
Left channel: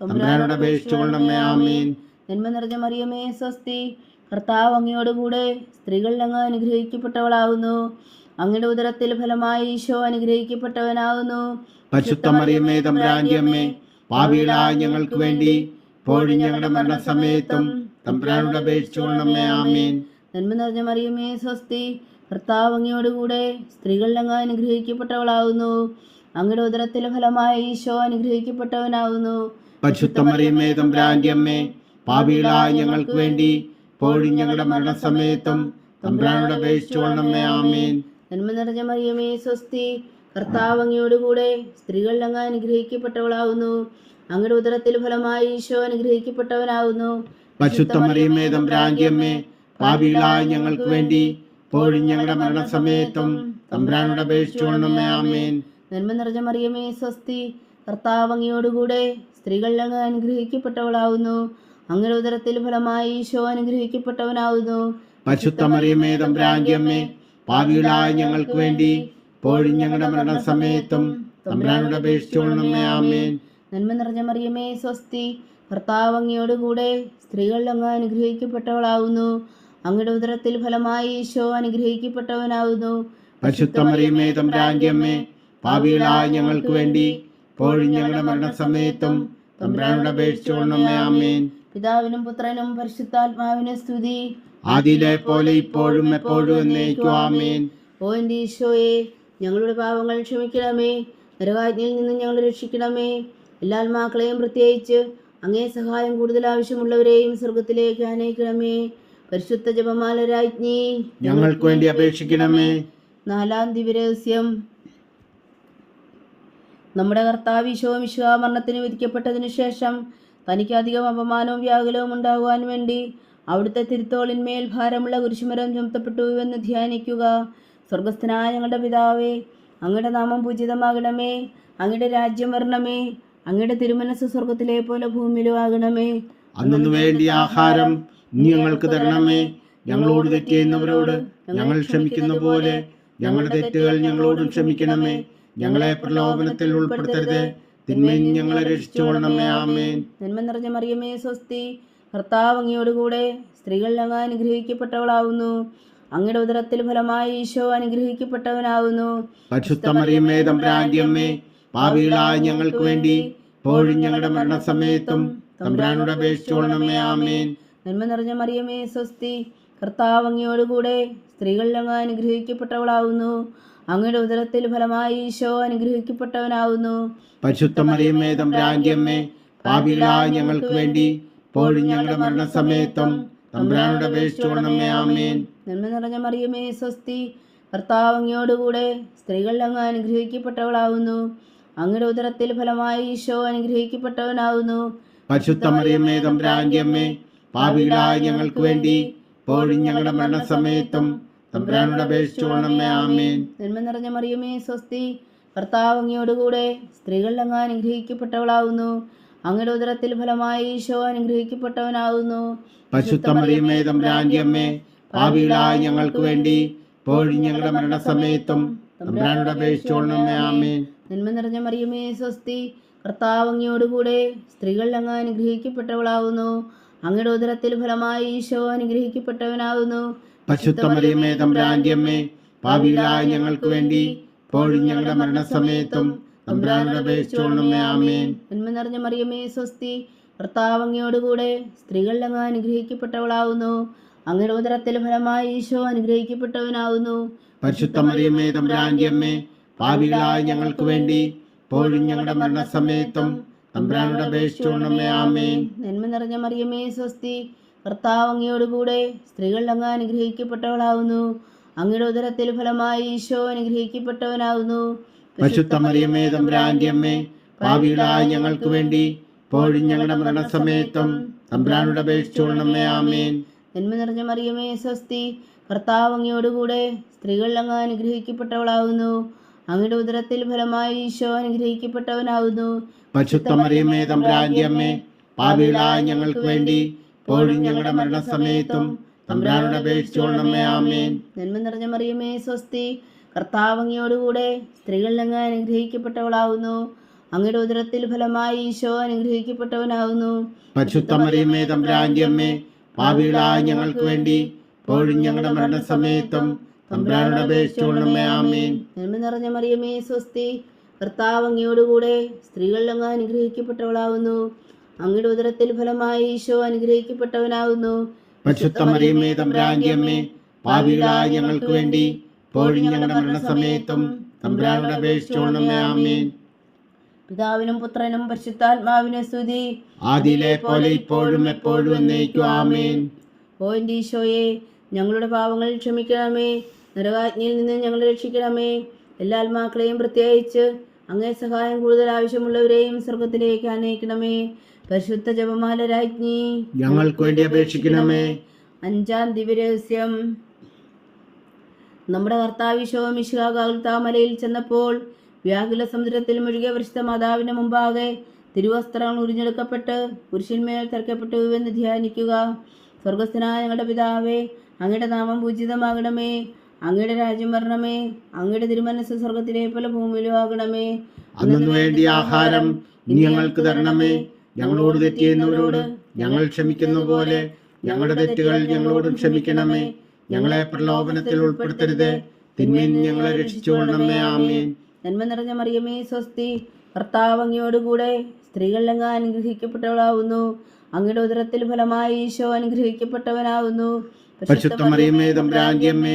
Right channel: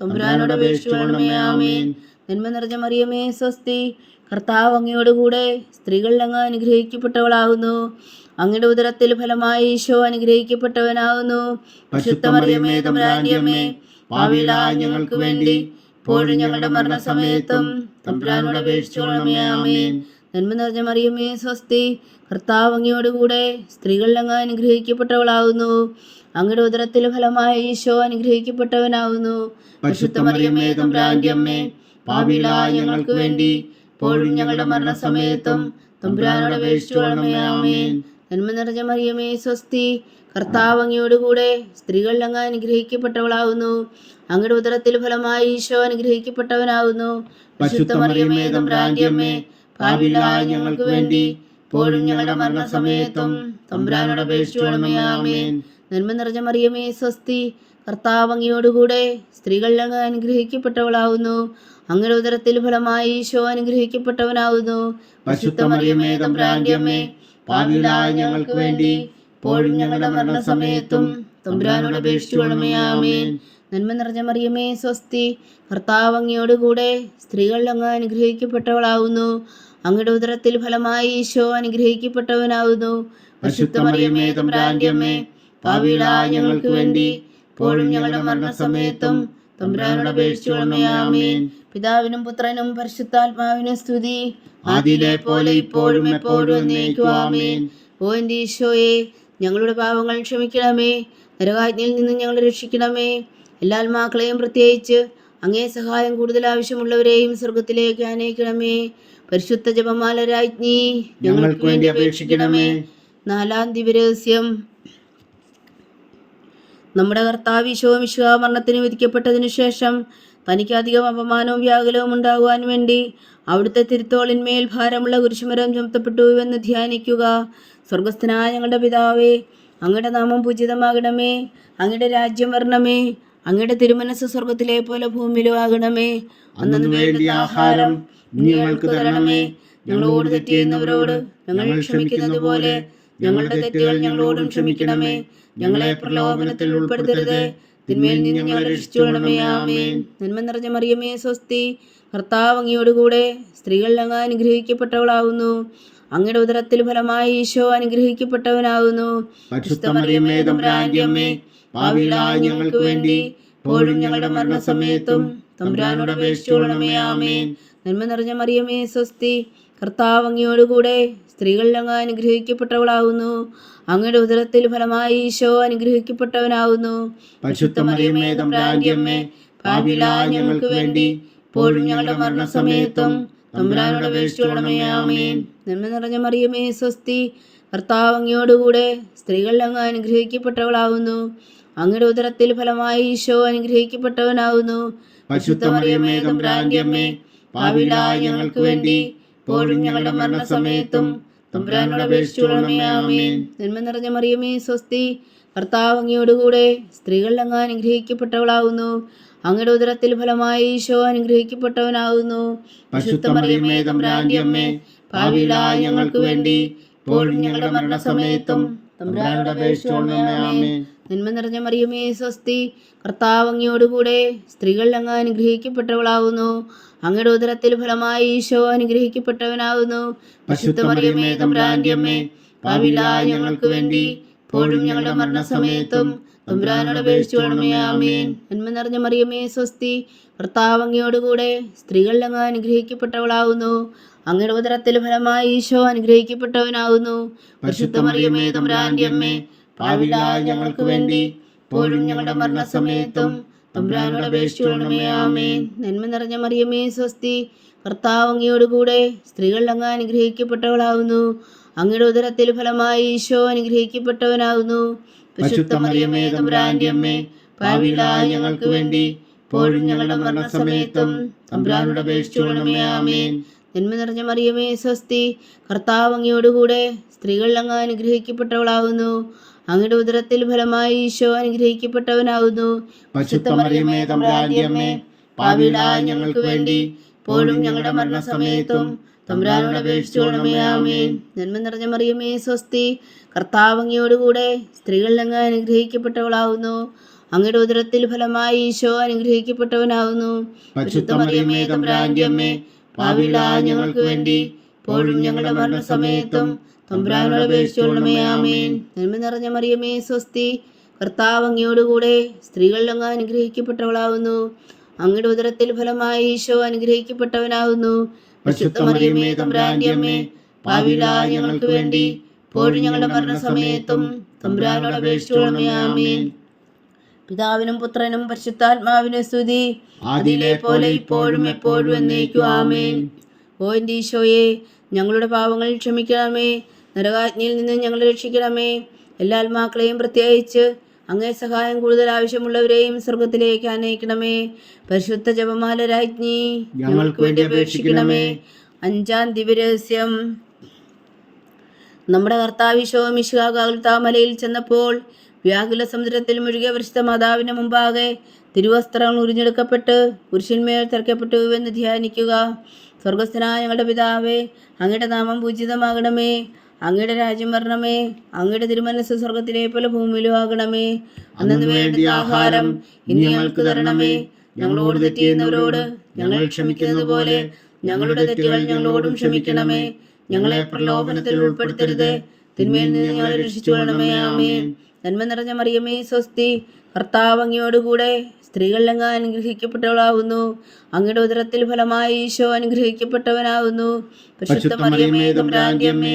തമ്പുരാനോട് അപേക്ഷിച്ചുകൊള്ളണമേ ആമേൻ. നന്മ നിറഞ്ഞ മറിയമേ സ്വസ്തി. കർത്താവ് അങ്ങയോടുകൂടെ സ്ത്രീകൾ അങ്ങ് അനുഗ്രഹിക്കപ്പെട്ടവളാകുന്നു അങ്ങയുടെ ഉദരത്തിൽ ഫലമായി ഈശോ അനുഗ്രഹിക്കപ്പെട്ടവനാകുന്നു ഞങ്ങൾക്ക് വേണ്ടി ഇപ്പോഴും ഞങ്ങളുടെ മരണസമയത്തും തമ്പുരാനോട് അപേക്ഷിച്ചുകൊള്ളണമേ ആമേൻ. നന്മ നിറഞ്ഞ മറിയമേ സ്വസ്തി. കർത്താവ് അങ്ങയോടുകൂടെ സ്ത്രീകൾ അങ്ങ് അനുഗ്രഹിക്കപ്പെട്ടവളാകുന്നു അങ്ങയുടെ ഉദരത്തിൽ ഫലമായ ഈശോ അനുഗ്രഹിക്കപ്പെട്ടവനാകുന്നു പരിശുദ്ധ മറിയമ്മേ തമ്പുരാന്റെ അമ്മേ പാപികളായ ഞങ്ങൾക്ക് വേണ്ടി പോഴും ഞങ്ങളുടെ മരണസമയത്തും തമ്പുരാനോട് അപേക്ഷിച്ചുകൊള്ളണമേ ആമേൻ. നന്മ നിറഞ്ഞ മറിയമേ സ്വസ്തി കർത്താവ് അങ്ങയോടുകൂടെ സ്ത്രീകൾ അങ്ങ് അനുഗ്രഹിക്കപ്പെട്ടവളാകുന്നു അങ്ങയുടെ ഉദരത്തിൽ ഫലമായി ഈശോ അനുഗ്രഹിക്കപ്പെട്ടവനാകുന്നു പരിശുദ്ധ മറിയമ്മേ തമ്പുരാന്റെ അമ്മേ പാപികളായ ഞങ്ങൾക്ക് വേണ്ടി പോഴും ഞങ്ങളുടെ മരണസമയത്തും തമ്പുരാനോട് അപേക്ഷിച്ചോളണമേ ആമേൻ. നന്മ നിറഞ്ഞ മറിയമേ സ്വസ്തി. കർത്താവ് അങ്ങയോടുകൂടെ സ്ത്രീകൾ അങ്ങ് അനുഗ്രഹിക്കപ്പെട്ടവളാവുന്നു. അങ്ങയുടെ ഉദരത്തിൽ ഫലമായി ഈശോ അനുഗ്രഹിക്കപ്പെട്ടവനാവുന്നു. തമ്പുരാന്റെ ഞങ്ങൾക്ക് വേണ്ടി ഇപ്പോഴും ഞങ്ങളുടെ മരണസമയത്തും തമ്പുരാനോട് ആമേൻ. നന്മ നിറഞ്ഞ മറിയമേ സ്വസ്തി. കർത്താവ് അങ്ങയോടുകൂടെ സ്ത്രീകൾ അങ്ങ് അനുഗ്രഹിക്കപ്പെട്ടവളാവുന്നു. അങ്ങയുടെ ഉദരത്തിൽ ഫലമായി ഈശോ അനുഗ്രഹിക്കപ്പെട്ടവനാവുന്നു. പരിശുദ്ധ മറിയമ്മേ തമ്പുരാന്റെ അമ്മേ പാപികളായ ഞങ്ങൾക്ക് വേണ്ടി ഇപ്പോഴും ഞങ്ങളുടെ മരണസമയത്തും തമ്പ്രാനോട് അപേക്ഷിച്ചുകൊള്ളണമേ ആമേൻ. പിതാവിനും പുത്രനും പരിശുദ്ധാത്മാവിനും സ്തുതി. ആദിയിലെ പോലെ ഇപ്പോഴും എപ്പോഴും ഓ എന്റെ ഈശോയെ ഞങ്ങളുടെ പാവങ്ങൾ ക്ഷമിക്കണമേ. നരകാജ്ഞയിൽ നിന്ന് ഞങ്ങൾ രക്ഷിക്കണമേ. എല്ലാ ആത്മാക്കളെയും പ്രത്യേകിച്ച് അങ്ങേ സഹായം കൂടുതൽ ആവശ്യമുള്ളവരെയും സ്വർഗത്തിലേക്ക് അനയിക്കണമേ പരിശുദ്ധ ജപമാല രാജ്ഞി ഞങ്ങൾക്ക് വേണ്ടി അപേക്ഷിക്കണമേ. നാലാം ദിവരഹസ്യം നമ്മുടെ കർത്താവ് ഈശോ വിശ്വ മരണത്തിന് വിധിക്കപ്പെട്ടതിനു ശേഷം തനിക്ക് അധികം അപമാനവും വ്യാകുലവും ഉണ്ടാകുവാൻ വേണ്ടി അവിടുത്തെ തിരുത്തോളിന്മേൽ ഭാരമുള്ള കുരിശുമരം ചുമത്തപ്പെട്ടു എന്ന് ധ്യാനിക്കുക. സ്വർഗസ്ഥനായ ഞങ്ങളുടെ പിതാവേ അങ്ങയുടെ നാമം പൂജിതമാകണമേ അങ്ങയുടെ രാജ്യം വരണമേ അങ്ങയുടെ തിരുമനസ് സ്വർഗത്തിലെ പോലെ ഭൂമിയിലും ആകണമേ. അന്നു വേണ്ടി ആഹാരം ഞങ്ങൾക്ക് തരണമേ. ഞങ്ങളോട് തെറ്റ് ചെയ്യുന്നവരോട് ഞങ്ങൾ ക്ഷമിക്കുന്ന പോലെ ഞങ്ങളുടെ തെറ്റുകൾ ഞങ്ങളോടും ക്ഷമിക്കണമേ. ഞങ്ങളെ പ്രലോഭനത്തിൽ ഉൾപ്പെടുത്തരുത്. തിന്മയിൽ നിന്ന് ഞങ്ങളെ രക്ഷിച്ചോണമേ ആമേൻ. നന്മ നിറഞ്ഞ മറിയമേ സ്വസ്തി. കർത്താവ് അങ്ങയോടുകൂടെ സ്ത്രീകൾ അങ്ങ് അനുഗ്രഹിക്കപ്പെട്ടവളാകുന്നു അങ്ങയുടെ ഉദരത്തിൽ ഫലമായി ഈശോ അനുഗ്രഹിക്കപ്പെട്ടവനാകുന്നു ഞങ്ങൾക്ക് വേണ്ടി ഇപ്പോഴും ഞങ്ങളുടെ മരണസമയത്തും തമ്പുരാനോട് അപേക്ഷിച്ചോളണമേ ആമേൻ. നന്മ നിറഞ്ഞ മറിയമേ സ്വസ്തി. കർത്താവ് അങ്ങയോടുകൂടെ സ്ത്രീകളിൽ അങ്ങ് അനുഗ്രഹിക്കപ്പെട്ടവളാകുന്നു അങ്ങയുടെ ഉദരത്തിൽ ഫലമായി ഈശോ അനുഗ്രഹിക്കപ്പെട്ടവനാകുന്നു പരിശുദ്ധ മറിയമേ തമ്പുരാന്റെ പാപികളായ ഞങ്ങൾക്ക് വേണ്ടി ഞങ്ങളുടെ മരണസമയത്തും തമ്പുരാനോട് അപേക്ഷിച്ചോളണമേ ആമേൻ. നന്മ നിറഞ്ഞ മറിയമേ സ്വസ്തി കർത്താവ് അങ്ങയോടുകൂടെ സ്ത്രീകൾ അങ്ങ് അനുഗ്രഹിക്കപ്പെട്ടവളാകുന്നു അങ്ങയുടെ ഉദരത്തിൽ ഫലമായി ഈശോ അനുഗ്രഹിക്കപ്പെട്ടവനാകുന്നു പരിശുദ്ധ മറിയമേ തമ്പുരാന്റെ അമ്മേ പാപികളായ ഞങ്ങൾക്ക് വേണ്ടി ഇപ്പോഴും ഞങ്ങളുടെ മരണസമയത്തും തമ്പുരാനോട് അപേക്ഷിച്ചോളണമേ ആമേൻ. നന്മ നിറഞ്ഞ മറിയമേ സ്വസ്തി. കർത്താവ് അങ്ങയോടുകൂടെ സ്ത്രീകൾ അങ്ങ് അനുഗ്രഹിക്കപ്പെട്ടവളാവുന്നു. അങ്ങയുടെ ഉദരത്തിൽ ഫലമായി ഈശോ അനുഗ്രഹിക്കപ്പെട്ടവനാവുന്നു. പരിശുദ്ധ മറിയമേ തമ്പുരാന്റെ അമ്മേ പാപികളായ ഞങ്ങൾക്ക് വേണ്ടി ഇപ്പോഴും ഞങ്ങളുടെ മരണസമയത്തും തമ്പുരാനോട് അപേക്ഷിച്ചോളണമേ ആമേൻ. നന്മ നിറഞ്ഞ മറിയമേ സ്വസ്തി. കർത്താവ് അങ്ങയോടുകൂടെ സ്ത്രീകൾ അങ്ങ് അനുഗ്രഹിക്കപ്പെട്ടവളാകുന്നു അങ്ങയുടെ ഉദരത്തിൽ ഫലമായി ഈശോ അനുഗ്രഹിക്കപ്പെട്ടവനാകുന്നു ഞങ്ങൾക്ക് വേണ്ടി ഇപ്പോഴും ഞങ്ങളുടെ മരണസമയത്തും തമ്പുരാനോട് അപേക്ഷിച്ചോളണമേ ആമേൻ. നന്മ നിറഞ്ഞ മറിയമേ സ്വസ്തി ഭർത്താവങ്ങയോടുകൂടെ അങ്ങ് അനുഗ്രഹിക്കപ്പെട്ടവളാകുന്നു അങ്ങയുടെ ഉദരത്തിൽ ഫലമായി ഈശോ അനുഗ്രഹിക്കപ്പെട്ടവനാകുന്നു പരിശുദ്ധ മറിയമേ തമ്പുരാന്റെ അമ്മേ പാവിലായി ഞങ്ങൾക്ക് വേണ്ടി ഇപ്പോഴും ഞങ്ങളുടെ മരണസമയത്തും തമ്പുരാനോട് അപേക്ഷിച്ചോളണമേ ആമേൻ. നന്മ നിറഞ്ഞ മറിയമേ സ്വസ്തി. കർത്താവ് അങ്ങയോടുകൂടെ സ്ത്രീകൾ അങ്ങ് അനുഗ്രഹിക്കപ്പെട്ടവളാകുന്നു അങ്ങയുടെ ഉദരത്തിൽ ഫലമായി ഈശോ അനുഗ്രഹിക്കപ്പെട്ടവനാകുന്നു പരിശുദ്ധ മറിയമേ തമ്പ്രാന്റെ അമ്മേ പാപികളായ ഞങ്ങൾക്ക് വേണ്ടി ഇപ്പോഴും ഞങ്ങളുടെ മരണസമയത്തും തമ്പ്രാനോട് അപേക്ഷിച്ചോളണമേ ആമേൻ. നന്മ നിറഞ്ഞ മറിയമേ സ്വസ്തി. കർത്താവ് അങ്ങയോടുകൂടെ സ്ത്രീകൾ അങ്ങ് അനുഗ്രഹിക്കപ്പെട്ടവളാകുന്നു അങ്ങയുടെ ഉദരത്തിൽ ഫലമായി ഈശോ അനുഗ്രഹിക്കപ്പെട്ടവനാകുന്നു പരിശുദ്ധ മറിയമേ തമ്പുരാന്റെ അമ്മേ പാപികളായ ഞങ്ങൾക്ക് വേണ്ടി പോലും ഞങ്ങളുടെ മരണസമയത്തും തമ്പുരാനോട് അപേക്ഷിച്ചോളണമേ ആമേൻ. നന്മ നിറഞ്ഞ മറിയമേ സ്വസ്തി കർത്താവങ്ങിയോടുകൂടെ സ്ത്രീകളിൽ സ്ത്രീകൾ അങ്ങ് അനുഗ്രഹിക്കപ്പെട്ടവളാവുന്നു. അങ്ങയുടെ ഉദരത്തിൽ ഫലമായി ഈശോ അനുഗ്രഹിക്കപ്പെട്ടവനാവുന്നു. പരിശുദ്ധ മറിയമേ തമ്പുരാന്റെ അമ്മേ പാപികളായ ഞങ്ങൾക്ക് വേണ്ടി പോലും ഞങ്ങളുടെ മരണസമയത്തും തമ്പുരാനോട് അപേക്ഷിച്ചോളണമേ ആമേൻ. നന്മ നിറഞ്ഞ മറിയമേ സ്വസ്തി. കർത്താവ് അങ്ങയോടുകൂടെ സ്ത്രീകളിൽ അങ്ങ് അനുഗ്രഹിക്കപ്പെട്ടവളാവുന്നു. അങ്ങയുടെ ഉദരത്തിൽ ഫലമായി ഈശോ അനുഗ്രഹിക്കപ്പെട്ടവനാവുന്നു. മറിയമേ തമ്പുരാന്റെ അമ്മേ പാപികളായ ഞങ്ങൾക്ക് വേണ്ടി ഇപ്പോഴും ഞങ്ങളുടെ മരണസമയത്തും തമ്പുരാനോട് അപേക്ഷിച്ചോളണമേ ആമേൻ. പിതാവിനും പുത്രനും പരിശുദ്ധാത്മാവിനെ സ്തുതി. ആദിയിലെ പോലെ ഇപ്പോഴും എപ്പോഴും എന്നേക്കും ആമേൻ. ഓ എന്റെ ഈശോയെ ഞങ്ങളുടെ പാവങ്ങൾ ക്ഷമിക്കണമേ. നരകാജ്ഞയിൽ നിന്ന് ഞങ്ങൾ രക്ഷിക്കണമേ. എല്ലാ ആത്മാക്കളെയും പ്രത്യേകിച്ച് അങ്ങേ സഹായം കൂടുതൽ ആവശ്യമുള്ളവരെയും സ്വർഗത്തിലേക്ക് അനയിക്കണമേ പരിശുദ്ധ ജപമാല രാജ്ഞി ഞങ്ങൾക്ക് വേണ്ടി അപേക്ഷിക്കണമേ. അഞ്ചാം ദിവ്യരഹസ്യം. നമ്മുടെ കർത്താവിശോ മിശുകാകാൽത്താമലയിൽ ചെന്നപ്പോൾ വ്യാകുല സമുദ്രത്തിൽ മുഴുകിയ പരിശുദ്ധ മാതാവിന് മുമ്പാകെ തിരുവസ്ത്രങ്ങൾ ഉരിഞ്ഞെടുക്കപ്പെട്ട് പുരുഷന്മേൽ തിരക്കപ്പെട്ടു എന്ന് ധ്യാനിക്കുക. സ്വർഗസ്ഥനായ ഞങ്ങളുടെ പിതാവേ അങ്ങയുടെ നാമം പൂജിതമാകണമേ. അങ്ങയുടെ രാജ്യം വരണമേ അങ്ങയുടെ തിരുമനസ് സ്വർഗത്തിലെ പോലെ ഭൂമിയിലും ആകണമേ അന്നു വേണ്ടി ആഹാരം ഇനി ഞങ്ങൾക്ക് തരണമേ. ഞങ്ങളോട് തെറ്റിയെന്നവരോട് ഞങ്ങൾ ക്ഷമിക്കുന്ന പോലെ ഞങ്ങളുടെ തെറ്റുകൾ ഞങ്ങളോടും ക്ഷമിക്കണമേ. ഞങ്ങളെ പ്രലോഭനത്തിൽ ഉൾപ്പെടുത്തരുത്. തിന്മയിൽ ഞങ്ങളെ രക്ഷിച്ചുകൊള്ളണമേ. ആമേൻ. നന്മ നിറഞ്ഞ മറിയമേ സ്വസ്തി. കർത്താവ് അങ്ങയോടുകൂടെ സ്ത്രീകൾ അങ്ങ് അനുഗ്രഹിക്കപ്പെട്ടവളാകുന്നു അങ്ങയുടെ ഉദരത്തിൽ ഫലമായി ഈശോ അനുഗ്രഹിക്കപ്പെട്ടവനാകുന്നു പരിശുദ്ധ മറിയമേ തമ്പുരാന്റെ അമ്മേ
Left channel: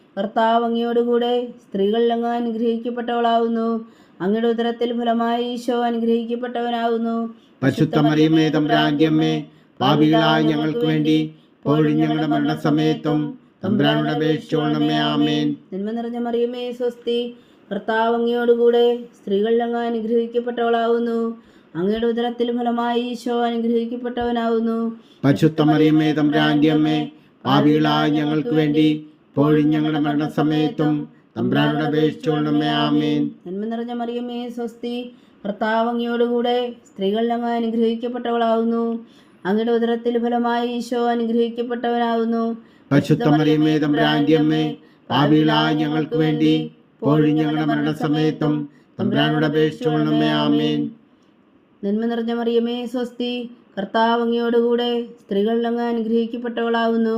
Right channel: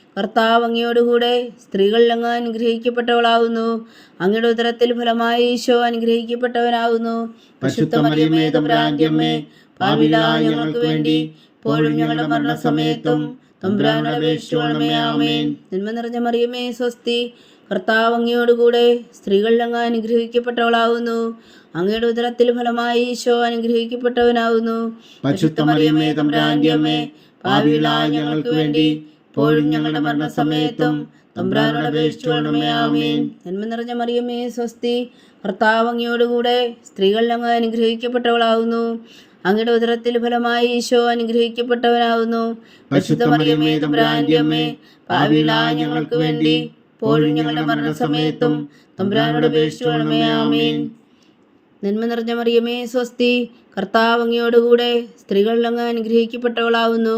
കർത്താവ് അങ്ങയോടുകൂടെ സ്ത്രീകൾ അങ്ങ് അനുഗ്രഹിക്കപ്പെട്ടവളാകുന്നു. അങ്ങയുടെ ഉദരത്തിൽ ഫലമായി ഈശോ അനുഗ്രഹിക്കപ്പെട്ടവനാകുന്നു. പരിശുദ്ധ മറിയമ്മേ തമ്പുരാന്റെ അമ്മേ പാപികളായ ഞങ്ങൾക്ക് വേണ്ടി ഞങ്ങളുടെ മരണസമയത്തും തമ്പുരാനോട് ആമേൻ. നന്മ നിറഞ്ഞ മറിയമേ സ്വസ്തി കർത്താവ് അങ്ങയോടുകൂടെ സ്ത്രീകൾ അങ്ങ് അനുഗ്രഹിക്കപ്പെട്ടവളാകുന്നു. അങ്ങയുടെ ഉദരത്തിൽ ഫലമായി ഈശോ അനുഗ്രഹിക്കപ്പെട്ടവനാകുന്നു. പരിശുദ്ധ തമ്പ്രാന്റിയമ്മേ പാപികളായ ഞങ്ങൾക്ക് വേണ്ടി ഇപ്പോഴും ഞങ്ങളുടെ മരണസമയത്തും തമ്പുരാനോട് അപേക്ഷിച്ചുകൊള്ളണമേ ആമേൻ. നന്മ നിറഞ്ഞ മറിയമേ സ്വസ്തി. കർത്താവ് അങ്ങയോടുകൂടെ സ്ത്രീകൾ അങ്ങ് അനുഗ്രഹിക്കപ്പെട്ടവളാകുന്നു അങ്ങയുടെ ഉദരത്തിൽ ഫലമായി ഈശോ അനുഗ്രഹിക്കപ്പെട്ടവനാകുന്നു പരിശുദ്ധ മറിയമ്മേ തമ്പുരാന്റെ അമ്മേ പാപികളായ ഞങ്ങൾക്ക് വേണ്ടി ഇപ്പോഴും ഞങ്ങളുടെ മരണസമയത്തും തമ്പുരാനോട് അപേക്ഷിച്ചുകൊള്ളണമേ ആമേൻ. നന്മ നിറഞ്ഞ മറിയമേ സ്വസ്തി. കർത്താവ് അങ്ങയോടുകൂടെ സ്ത്രീകൾ അങ്ങ് അനുഗ്രഹിക്കപ്പെട്ടവളാകുന്നു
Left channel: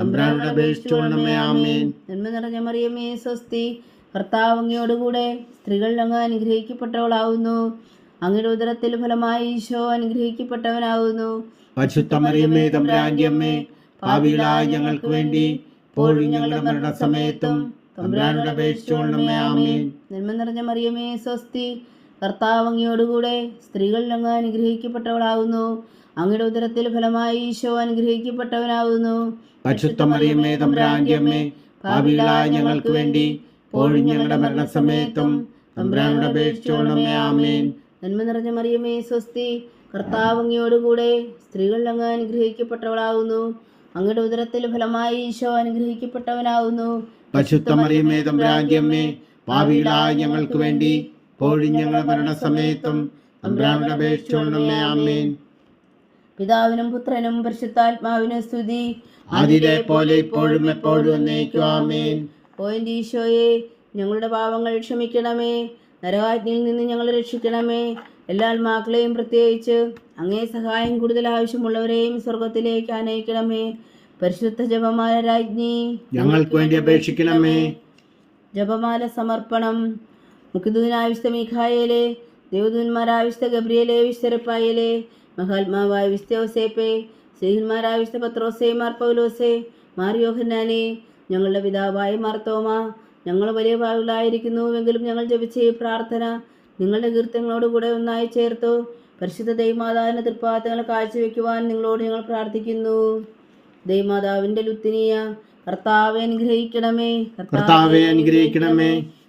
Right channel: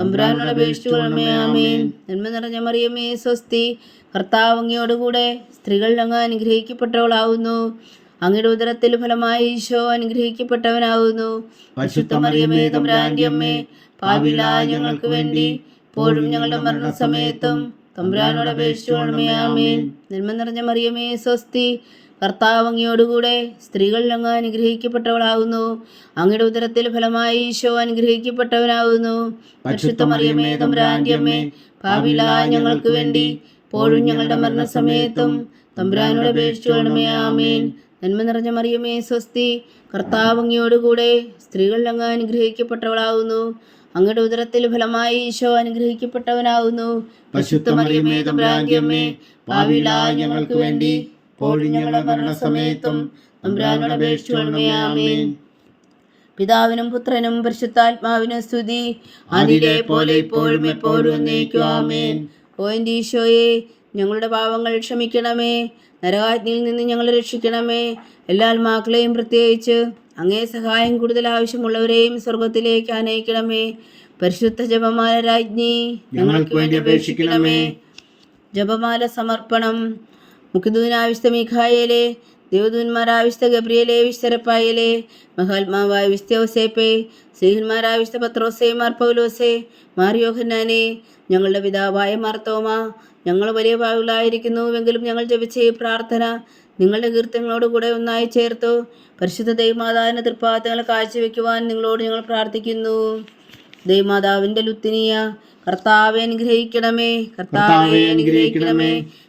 തമ്പുരാനോട് അപേക്ഷിച്ചുകൊള്ളണമേ ആമേൻ. നന്മ നിറഞ്ഞ മറിയമേ സ്വസ്തി. കർത്താവ് അങ്ങയോടുകൂടെ സ്ത്രീകൾ അങ്ങ് അനുഗ്രഹിക്കപ്പെട്ടവളാവുന്നു. അങ്ങയുടെ ഉദരത്തിൽ ഫലമായി ഈശോ അനുഗ്രഹിക്കപ്പെട്ടവനാവുന്നു. പരിശുദ്ധ മറിയമ്മേ തമ്പുരാന്റെ അമ്മേ പാപികളായ ഞങ്ങൾക്ക് വേണ്ടി ഇപ്പോഴും ഞങ്ങളുടെ മരണസമയത്തും തമ്പുരാനോട് അപേക്ഷിച്ചുകൊള്ളണമേ ആമേൻ. നന്മ നിറഞ്ഞ മറിയമേ സ്വസ്തി. കർത്താവ് അങ്ങയോടുകൂടെ സ്ത്രീകൾ അങ്ങ് അനുഗ്രഹിക്കപ്പെട്ടവളാകുന്നു അങ്ങയുടെ ഉദരത്തിൽ ഫലമായി ഈശോ അനുഗ്രഹിക്കപ്പെട്ടവനാകുന്നു അമ്മേ ഞങ്ങൾക്ക് വേണ്ടി പോഴും ഞങ്ങളുടെ മരണസമയത്തും തമ്പുരാനോട് ആമേൻ. നന്മ നിറഞ്ഞ മറിയമേ സ്വസ്തി. കർത്താവ് അങ്ങയോടുകൂടെ സ്ത്രീകൾ അങ്ങ് അനുഗ്രഹിക്കപ്പെട്ടവളാകുന്നു അങ്ങയുടെ ഉദരത്തിൽ ഫലമായി ഈശോ അനുഗ്രഹിക്കപ്പെട്ടവനാകുന്നു പരിശുദ്ധ മറിയമ്മേ തമ്പുരാന്റെ അമ്മേ ഞങ്ങൾക്ക് വേണ്ടി ഇപ്പോഴും ഞങ്ങളുടെ മരണസമയത്തും തമ്പുരാനോട് അപേക്ഷിച്ചുകൊള്ളണമേ ആമേൻ. പിതാവിനും പുത്രനും പരിശുദ്ധാത്മാവിനും സ്തുതി. അതിലെ പോലെ ഇപ്പോഴും എപ്പോഴും ഓ എന്റെ ഈശോയെ ഞങ്ങളുടെ പാവങ്ങൾ ക്ഷമിക്കണമേ. നരകാജ്ഞയിൽ നിന്ന് ഞങ്ങൾ രക്ഷിക്കണമേ. എല്ലാ ആത്മാക്കളെയും പ്രത്യേകിച്ച് അങ്ങേ സഹായം കൂടുതൽ ആവശ്യമുള്ളവരെയും സ്വർഗത്തിലേക്ക് അനയിക്കണമേ പരിശുദ്ധ ജപമാല രാജ്ഞി ഞങ്ങൾക്ക് വേണ്ടി അപേക്ഷിക്കണമേ. ജപമാല സമർപ്പണം. മുഖദൂനാവിശുദ്ധ മിഖായേലെ ദേവദൂന്മാരാവിശ്വ ഗബ്രിയേലെ വിശ്വരപ്പായേലെ മഹാത്മാവായ വിശുദ്ധ പത്രോസേ മാർ പൗലോസേ മാറിയോഹന്നാനെ ഞങ്ങളുടെ പിതാവായ മാർത്തോമ ഞങ്ങൾ വലിയ പാവുകളായിരിക്കുന്നുവെങ്കിലും ഞങ്ങൾ ജപിച്ച ഈ പ്രാർത്ഥന നിങ്ങളുടെ കീർത്തങ്ങളോടുകൂടെ ഒന്നായി ചേർത്തു. പരിശുദ്ധ ദൈവമാതാവിന്റെ തൃപ്പാദങ്ങൾ കാഴ്ചവെക്കുവാൻ നിങ്ങളോട് ഞങ്ങൾ പ്രാർത്ഥിക്കുന്നു. ദൈവമാതാവിന്റെ ലുത്തിനിയ കർത്താവെ അനുഗ്രഹിക്കണമേ കർത്താവെ അനുഗ്രഹിക്കണമേ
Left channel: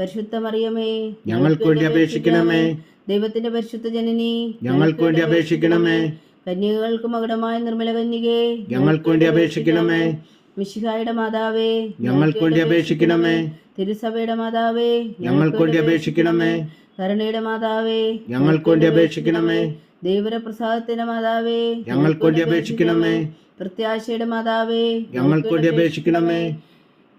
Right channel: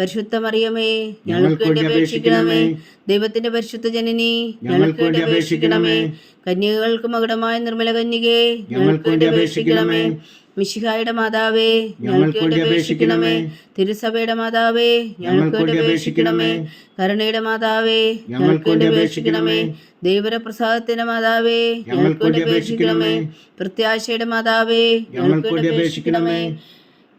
പരിശുദ്ധ മറിയമേ ഞങ്ങൾക്ക് വേണ്ടി അപേക്ഷിക്കണമേ. ദൈവത്തിന്റെ പരിശുദ്ധ ജനനി ഞങ്ങൾക്ക് വേണ്ടി അപേക്ഷിക്കണമേ. കന്യകൾക്ക് മകുടമായ നിർമ്മല കന്യകേ ഞങ്ങൾക്ക് വേണ്ടി അപേക്ഷിക്കണമേ. മിശിഹായുടെ മാതാവേ ഞങ്ങൾക്ക് വേണ്ടി അപേക്ഷിക്കണമേ. തിരുസഭയുടെ മാതാവേ ഞങ്ങൾക്ക് വേണ്ടി അപേക്ഷിക്കണമേ. കരുണയുടെ മാതാവേ ഞങ്ങൾക്ക് വേണ്ടി അപേക്ഷിക്കണമേ. ദൈവര പ്രസാദത്തിന്റെ മാതാവേ ഞങ്ങൾക്ക് വേണ്ടി അപേക്ഷിക്കണമേ. പ്രത്യാശയുടെ മാതാവേ ഞങ്ങൾക്ക് വേണ്ടി അപേക്ഷിക്കണമേ.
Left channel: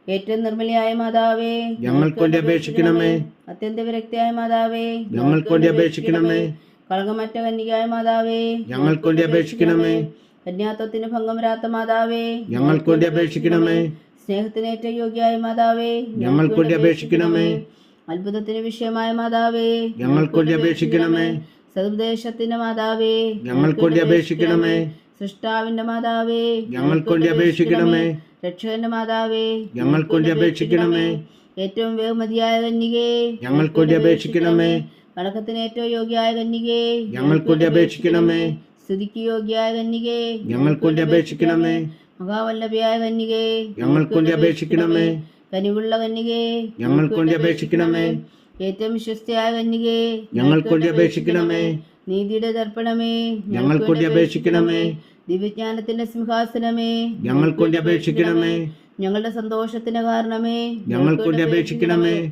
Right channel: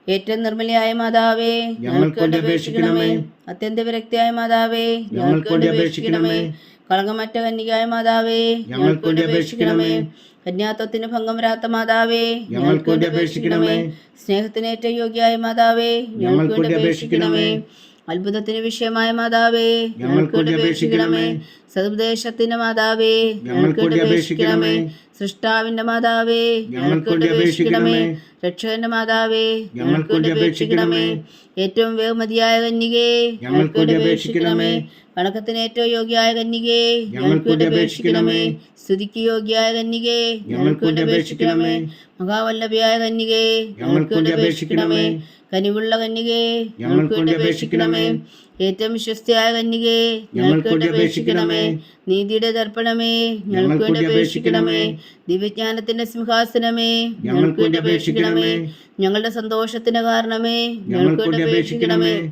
ഏറ്റവും നിർമ്മലയായ മാതാവേ ഞങ്ങൾക്ക് വേണ്ടി അപേക്ഷിക്കണമേ. അത്യന്ത വിരക്തിയായ മാതാവേ ഞങ്ങൾക്ക് വേണ്ടി അപേക്ഷിക്കണമേ. കളങ്കമറ്റ കന്യകായ മാതാവേ ഞങ്ങൾക്ക് വേണ്ടി അപേക്ഷിക്കണമേ. കന്യാത്വത്തിന് ഭംഗം വരാത്ത മാതാവേ ഞങ്ങൾക്ക് വേണ്ടി അപേക്ഷിക്കണമേ. സ്നേഹത്തിന് ഏറ്റവും യോഗ്യായ മാതാവേ ഞങ്ങൾക്ക് വേണ്ടി അപേക്ഷിക്കണമേ. അത്ഭുതത്തിന് വിഷയമായ മാതാവേ ഞങ്ങൾക്ക് വേണ്ടി അപേക്ഷിക്കണമേ. സതുപദേശത്തിന്റെ മാതാവേ ഞങ്ങൾക്ക് വേണ്ടി അപേക്ഷിക്കണമേ. സൃഷ്ടാവിന്റെ മാതാവേ ഞങ്ങൾക്ക് വേണ്ടി അപേക്ഷിക്കണമേ. രക്ഷകന്റെ മാതാവേ ഞങ്ങൾക്ക് വേണ്ടി അപേക്ഷിക്കണമേ. ഏറ്റവും ബഹുമതിയായ കന്യകേ ഞങ്ങൾക്ക് വേണ്ടി അപേക്ഷിക്കണമേ. വണക്കത്തിന് ഏറ്റവും യോഗ്യയായ കന്യകേ ഞങ്ങൾക്ക് വേണ്ടി അപേക്ഷിക്കണമേ. സ്തുതിക്ക് യോഗ്യയായ കന്യകേ ഞങ്ങൾക്ക് വേണ്ടി അപേക്ഷിക്കണമേ. മഹാവല്ലഭയായ കന്യകേ ഞങ്ങൾക്ക് വേണ്ടി അപേക്ഷിക്കണമേ. കനിവുള്ള കന്യകേ ഞങ്ങൾക്ക് വേണ്ടി അപേക്ഷിക്കണമേ. ഏറ്റവും വിശ്വസ്തയായ കന്യകേ ഞങ്ങൾക്ക് വേണ്ടി അപേക്ഷിക്കണമേ. നീതിയുടെ ദർപ്പണമേ ഞങ്ങൾക്ക് വേണ്ടി അപേക്ഷിക്കണമേ. ദിവ്യജ്ഞാനത്തിന്റെ സിംഹാസനമേ. ഞങ്ങൾക്ക് വേണ്ടി അപേക്ഷിക്കണമേ. ഞങ്ങളുടെ സന്തോഷത്തിന് കാരണമേ. ഞങ്ങൾക്ക് വേണ്ടി അപേക്ഷിക്കണമേ.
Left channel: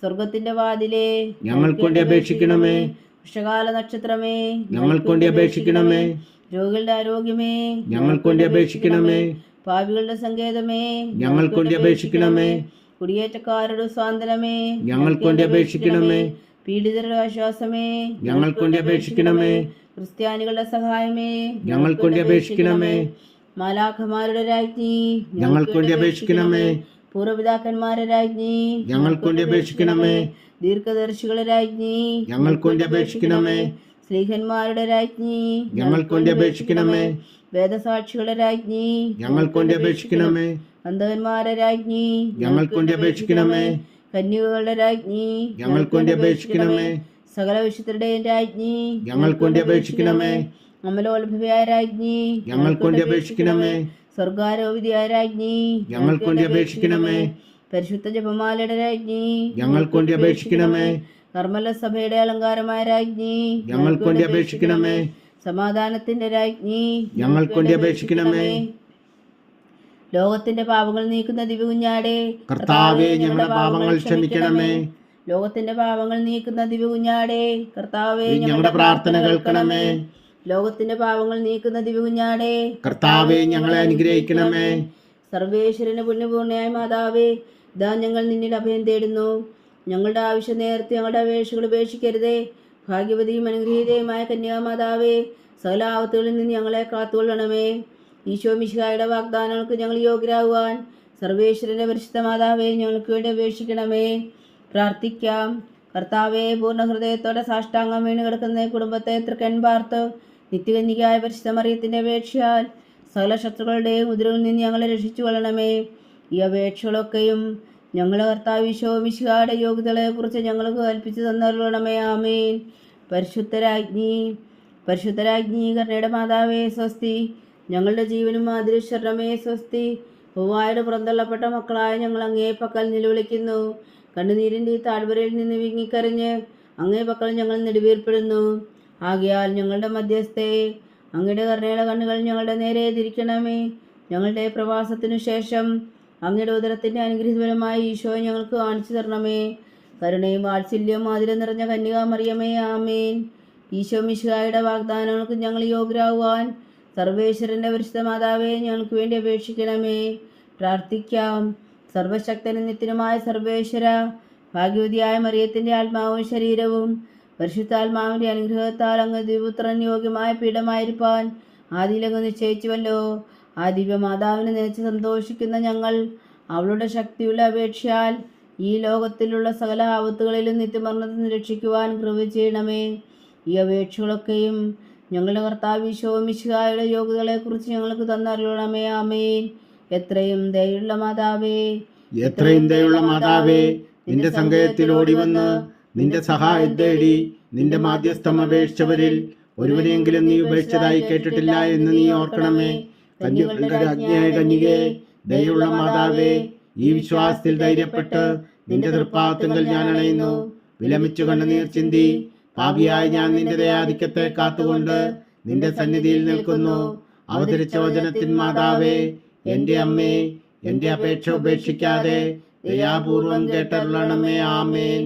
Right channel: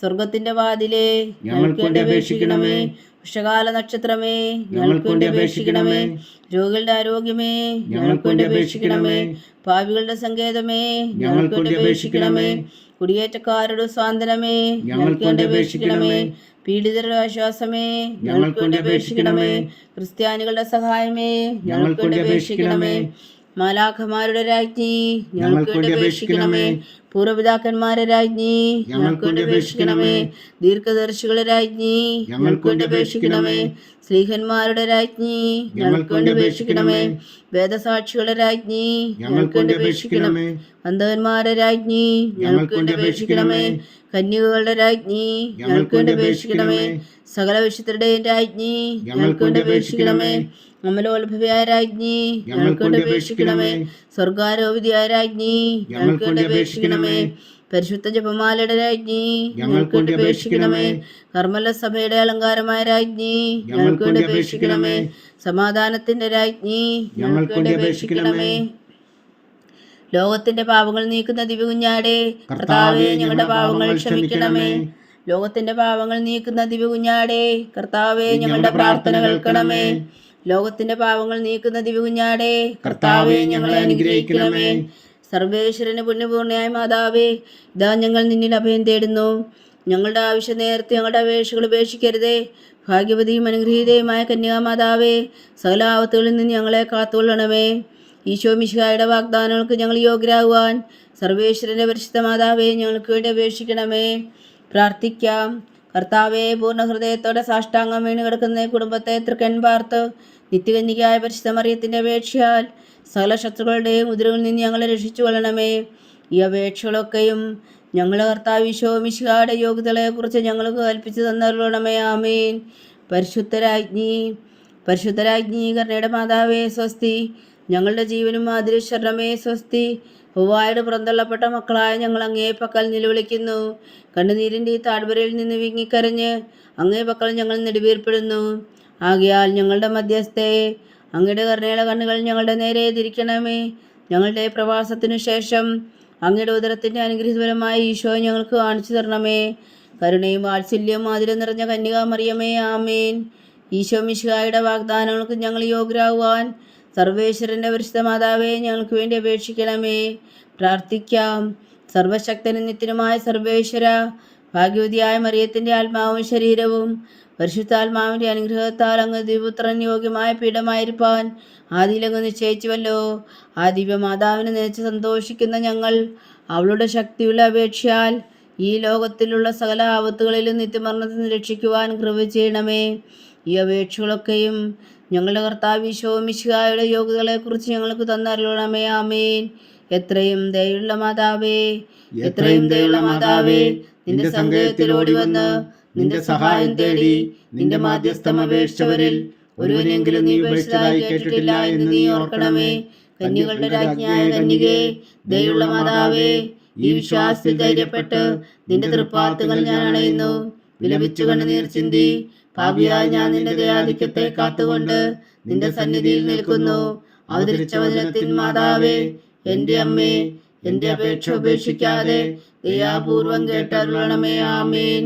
സ്വർഗത്തിന്റെ വാതിലേ ഞങ്ങൾക്ക് വേണ്ടി അപേക്ഷിക്കണമേ. വൃഷകാല നക്ഷത്രമേ ഞങ്ങൾക്ക് വേണ്ടി അപേക്ഷിക്കണമേ. രോഗികളുടെ ആരോഗ്യമേ ഞങ്ങൾക്ക് വേണ്ടി അപേക്ഷിക്കണമേ. പാവികളുടെ സങ്കേതമേ ഞങ്ങൾക്ക് വേണ്ടി അപേക്ഷിക്കണമേ. കുടിയേറ്റക്കാരുടെ സ്വാതന്ത്ര്യമേ ഞങ്ങൾക്ക് വേണ്ടി അപേക്ഷിക്കണമേ. പീഡിതരുടെ ആശ്വാസമേ ഞങ്ങൾക്ക് വേണ്ടി അപേക്ഷിക്കണമേ. ക്രിസ്ത്യാനികളുടെ സഹായമേ ഞങ്ങൾക്ക് വേണ്ടി അപേക്ഷിക്കണമേ. മാലാഖമാരുടെ രാജ്ഞി ഞങ്ങൾക്ക് വേണ്ടി അപേക്ഷിക്കണമേ. പൂർവപിതാക്കന്മാരെ രാജ്ഞി ഞങ്ങൾക്കൊണ്ട് അപേക്ഷിക്കണമേ. ദീർഘദർശികളെ രാജ്ഞി ഞങ്ങൾക്കൊണ്ട് അപേക്ഷിക്കണമേ. സ്ലീഹന്മാരുടെ രാജ്ഞി ഞങ്ങൾക്കൊണ്ട് അപേക്ഷിക്കണമേ. വേദസാക്ഷികളെ രാജ്ഞി ഞങ്ങൾക്കൊണ്ട് അപേക്ഷിക്കണമേ. അന്ധകന്മാരുടെ രാജ്ഞി ഞങ്ങൾക്കൊണ്ട് അപേക്ഷിക്കണമേ. കന്യകകളുടെ രാജ്ഞി ഞങ്ങൾക്കൊണ്ട് അപേക്ഷിക്കണമേ. സകല വിശുദ്ധരുടെയും രാജ്ഞി ഞങ്ങൾക്കൊണ്ട് അപേക്ഷിക്കണമേ. അമലോത്ഭവയായ രാജ്ഞി ഞങ്ങൾക്ക് വേണ്ടി അപേക്ഷിക്കണമേ. സ്വർഗാരോപിതയായ രാജ്ഞി ഞങ്ങൾ വേണ്ടി അപേക്ഷിക്കണമേ. പരിശുദ്ധ ജപമാലയുടെ രാജ്ഞി ഞങ്ങൾ വേണ്ടി അപേക്ഷിക്കണമേ. കർമ്മല സഭയുടെ അലങ്കാരമായ രാജ്ഞി ഞങ്ങൾ വേണ്ടി അപേക്ഷിക്കണമേ. സമാധാനത്തിന്റെ രാജ്ഞി ഞങ്ങൾ വേണ്ടി അപേക്ഷിക്കണമേ. ലോകത്തിന്റെ പാപങ്ങൾ നീക്കുന്ന ദിവ്യകുഞ്ഞാടെ കർത്താവേ ഞങ്ങളുടെ പാപങ്ങൾ ക്ഷമിക്കണമേ. ലോകത്തിന്റെ പാപങ്ങൾ നീക്കുന്ന ദിവ്യകുഞ്ഞാടെ കർത്താവെ ഞങ്ങളുടെ പ്രാർത്ഥന കേൾക്കണമേ. ലോകത്തിന്റെ പാവങ്ങൾ നീക്കുന്ന ദിവകുഞ്ഞാടേ കർത്താവേ ഞങ്ങളെ അനുഗ്രഹിക്കണമേ. സർവേശ്വരന് പുണ്യപൂർണയായ മാതാവേ ഇതാ ഞങ്ങൾ നിന്നിൽ അഭയം തേടുന്നു. ഞങ്ങളുടെ ആവശ്യം നേരത്തെ ഞങ്ങളുടെ അപേക്ഷകൾ ഉപേക്ഷിക്കരുതേ. ഭാഗ്യവതിയും അനുഗ്രഹീതയുമായ കന്യാമാതാവേ സകല ആപത്തുകളിൽ നിന്ന് ഞങ്ങളെ കാത്തുകൊള്ളണമേ. ഈശോ മിശിഹായുടെ വാഗ്ദാനങ്ങൾക്ക് ഞങ്ങൾ യോഗ്യരാകുവാൻ സർവേശ്വരന്റെ പരിശുദ്ധ മാതാവേ ഞങ്ങൾക്ക് വേണ്ടി അപേക്ഷിക്കണമേ. പ്രാർത്ഥിക്കാം. കർത്താവേ പൂർണ ഹൃദയത്തോടെ സാഷ്ടാംഗം വീണ് കിടക്കുന്ന കുടുംബത്തെ തൃക്കൻ പാർത്ത് നിത്യകന്യകായ പരിശുദ്ധ മറിയത്തിന്റെ അപേക്ഷയാൽ സകല ശത്രുക്കളുടെയും ഉദരവിൽ നിന്ന് ഞങ്ങളെ രക്ഷിച്ചു കൊള്ളണമേ ഈ അപേക്ഷകളൊക്കെയും ഞങ്ങളെ കർത്താവ് ഈശോ മിശിഹായുടെ യോഗ്യതകളെക്കുറിച്ച് ഞങ്ങൾക്ക് കൽപ്പിച്ചു തന്നരുളണമേ. ആമേൻ. പരിശുദ്ധരാജ്ഞി പരിശുദ്ധരാജ്ഞി കർണയുടെ മാതാവേ സ്വസ്തി. ഞങ്ങളുടെ ജീവനും മാതിരിശ്വരണമേ സ്വസ്തി. ഹുവായുടെ പുറന്തള്ളപ്പെട്ട മക്കളായ ഞങ്ങൾ അങ്ങേ പക്കൽ നിലവിളിക്കുന്നു. കണ്ണുനീരിന്റെ ഈ താഴ്വരയിൽ നിന്ന് വിങ്ങിക്കരഞ്ഞ് അങ്ങേ പക്കൽ ഞങ്ങൾ നെടുവീർപ്പെടുന്നു. ആകയാൽ ഞങ്ങളുടെ മധ്യസ്ഥയെ അങ്ങയുടെ കരുണയുടെ കണ്ണുകൾ ഞങ്ങളുടെ നേരെ തിരിക്കണമേ. ഞങ്ങളുടെ പ്രവാസത്തിനു ശേഷം അങ്ങയുടെ ഉദരത്തിന്റെ അനുഗ്രഹീതപരമായ ഈശോ ഞങ്ങൾക്ക് കാണിച്ചു തരണമേ. കരുണയും വാത്സല്യവും മാതിരം നിറഞ്ഞ കന്യകാമറിയമേ ആമേൻ. ഈശോ മിശിഹായുടെ വാഗ്ദാനങ്ങൾക്ക് ഞങ്ങൾ യോഗ്യരാകുവാൻ സർവേശ്വരന്റെ പരിശുദ്ധ മാതാവേ ഞങ്ങൾക്ക് വേണ്ടി അപേക്ഷിക്കണമേ. പ്രാർത്ഥിക്കാം. സർവശക്തനും നിത്യനുമായ സർവേശ്വര ഭാഗ്യവതിയായ മറിയത്തിന്റെ ആത്മാവും ശരീരവും പരിശുദ്ധാത്മാവിന്റെ അനുഗ്രഹത്താൽ അങ്ങ് ദിവ്യപുത്രൻ യോഗ്യമായ പീഠമായിരിക്കാൻ ആദിയിലങ്ങ് നിശ്ചയിച്ചുവല്ലോ. ആ ദിവ്യമാതാവിനെ നയിച്ച് സന്തോഷിക്കുന്ന ഞങ്ങൾ അവളുടെ ശക്തിയുള്ള അപേക്ഷയാൽ ഈ ലോകത്തിലുള്ള സകല ആപത്തുകളിലും നിത്യമരണത്തിൽ രക്ഷിക്കുവാൻ കൃപ ചെയ്യണമേ. ഈ അപേക്ഷകളൊക്കെയും ഞങ്ങളുടെ കർത്താവ് ഈശോ മിശിഹായുടെ യോഗ്യതകളെക്കുറിച്ച് ഞങ്ങൾക്ക് തന്നറിയണമേ. ആമേൻ. എത്രയും ദയുള്ള മാതാവേ എത്രയും ദയുള്ള മാതാവേ നിന്റെ സങ്കേതത്തിൽ ഓടി വന്ന് നിന്റെ സഹായം തേടി നിന്റെ മാധ്യസ്ഥം അപേക്ഷിച്ചവരിൽ ഒരുവനെങ്കിലും നീ ഉപേക്ഷിച്ചതായി കേട്ടിട്ടില്ല എന്ന് നീ ഓർക്കണമേ. കന്യകളുടെ രാജ്ഞിയായ കന്യകേ ദയുള്ള മാതാവേ ഈ വിശ്വാസത്തിൽ ധൈര്യപ്പെട്ട് നിന്റെ തൃപ്പാത്തുകൾ ഞാൻ അണയുന്നു വിലപിച്ചു കണ്ണുനീർ ചിന്തി. പാപിയായ ഞാൻ നിന്റെ ദയാധിക്യത്തെ കാത്തുകൊണ്ട് നിന്റെ സന്നിധിയിൽ നിൽക്കുന്നു. അവതരിച്ച വചനത്തിൻ മാതാവേ എന്റെ അമ്മേ എന്റെ അപേക്ഷ ഉപേക്ഷിക്കാതെ ദയാപൂർവം കേട്ടരുളണമേ. ആമേൻ.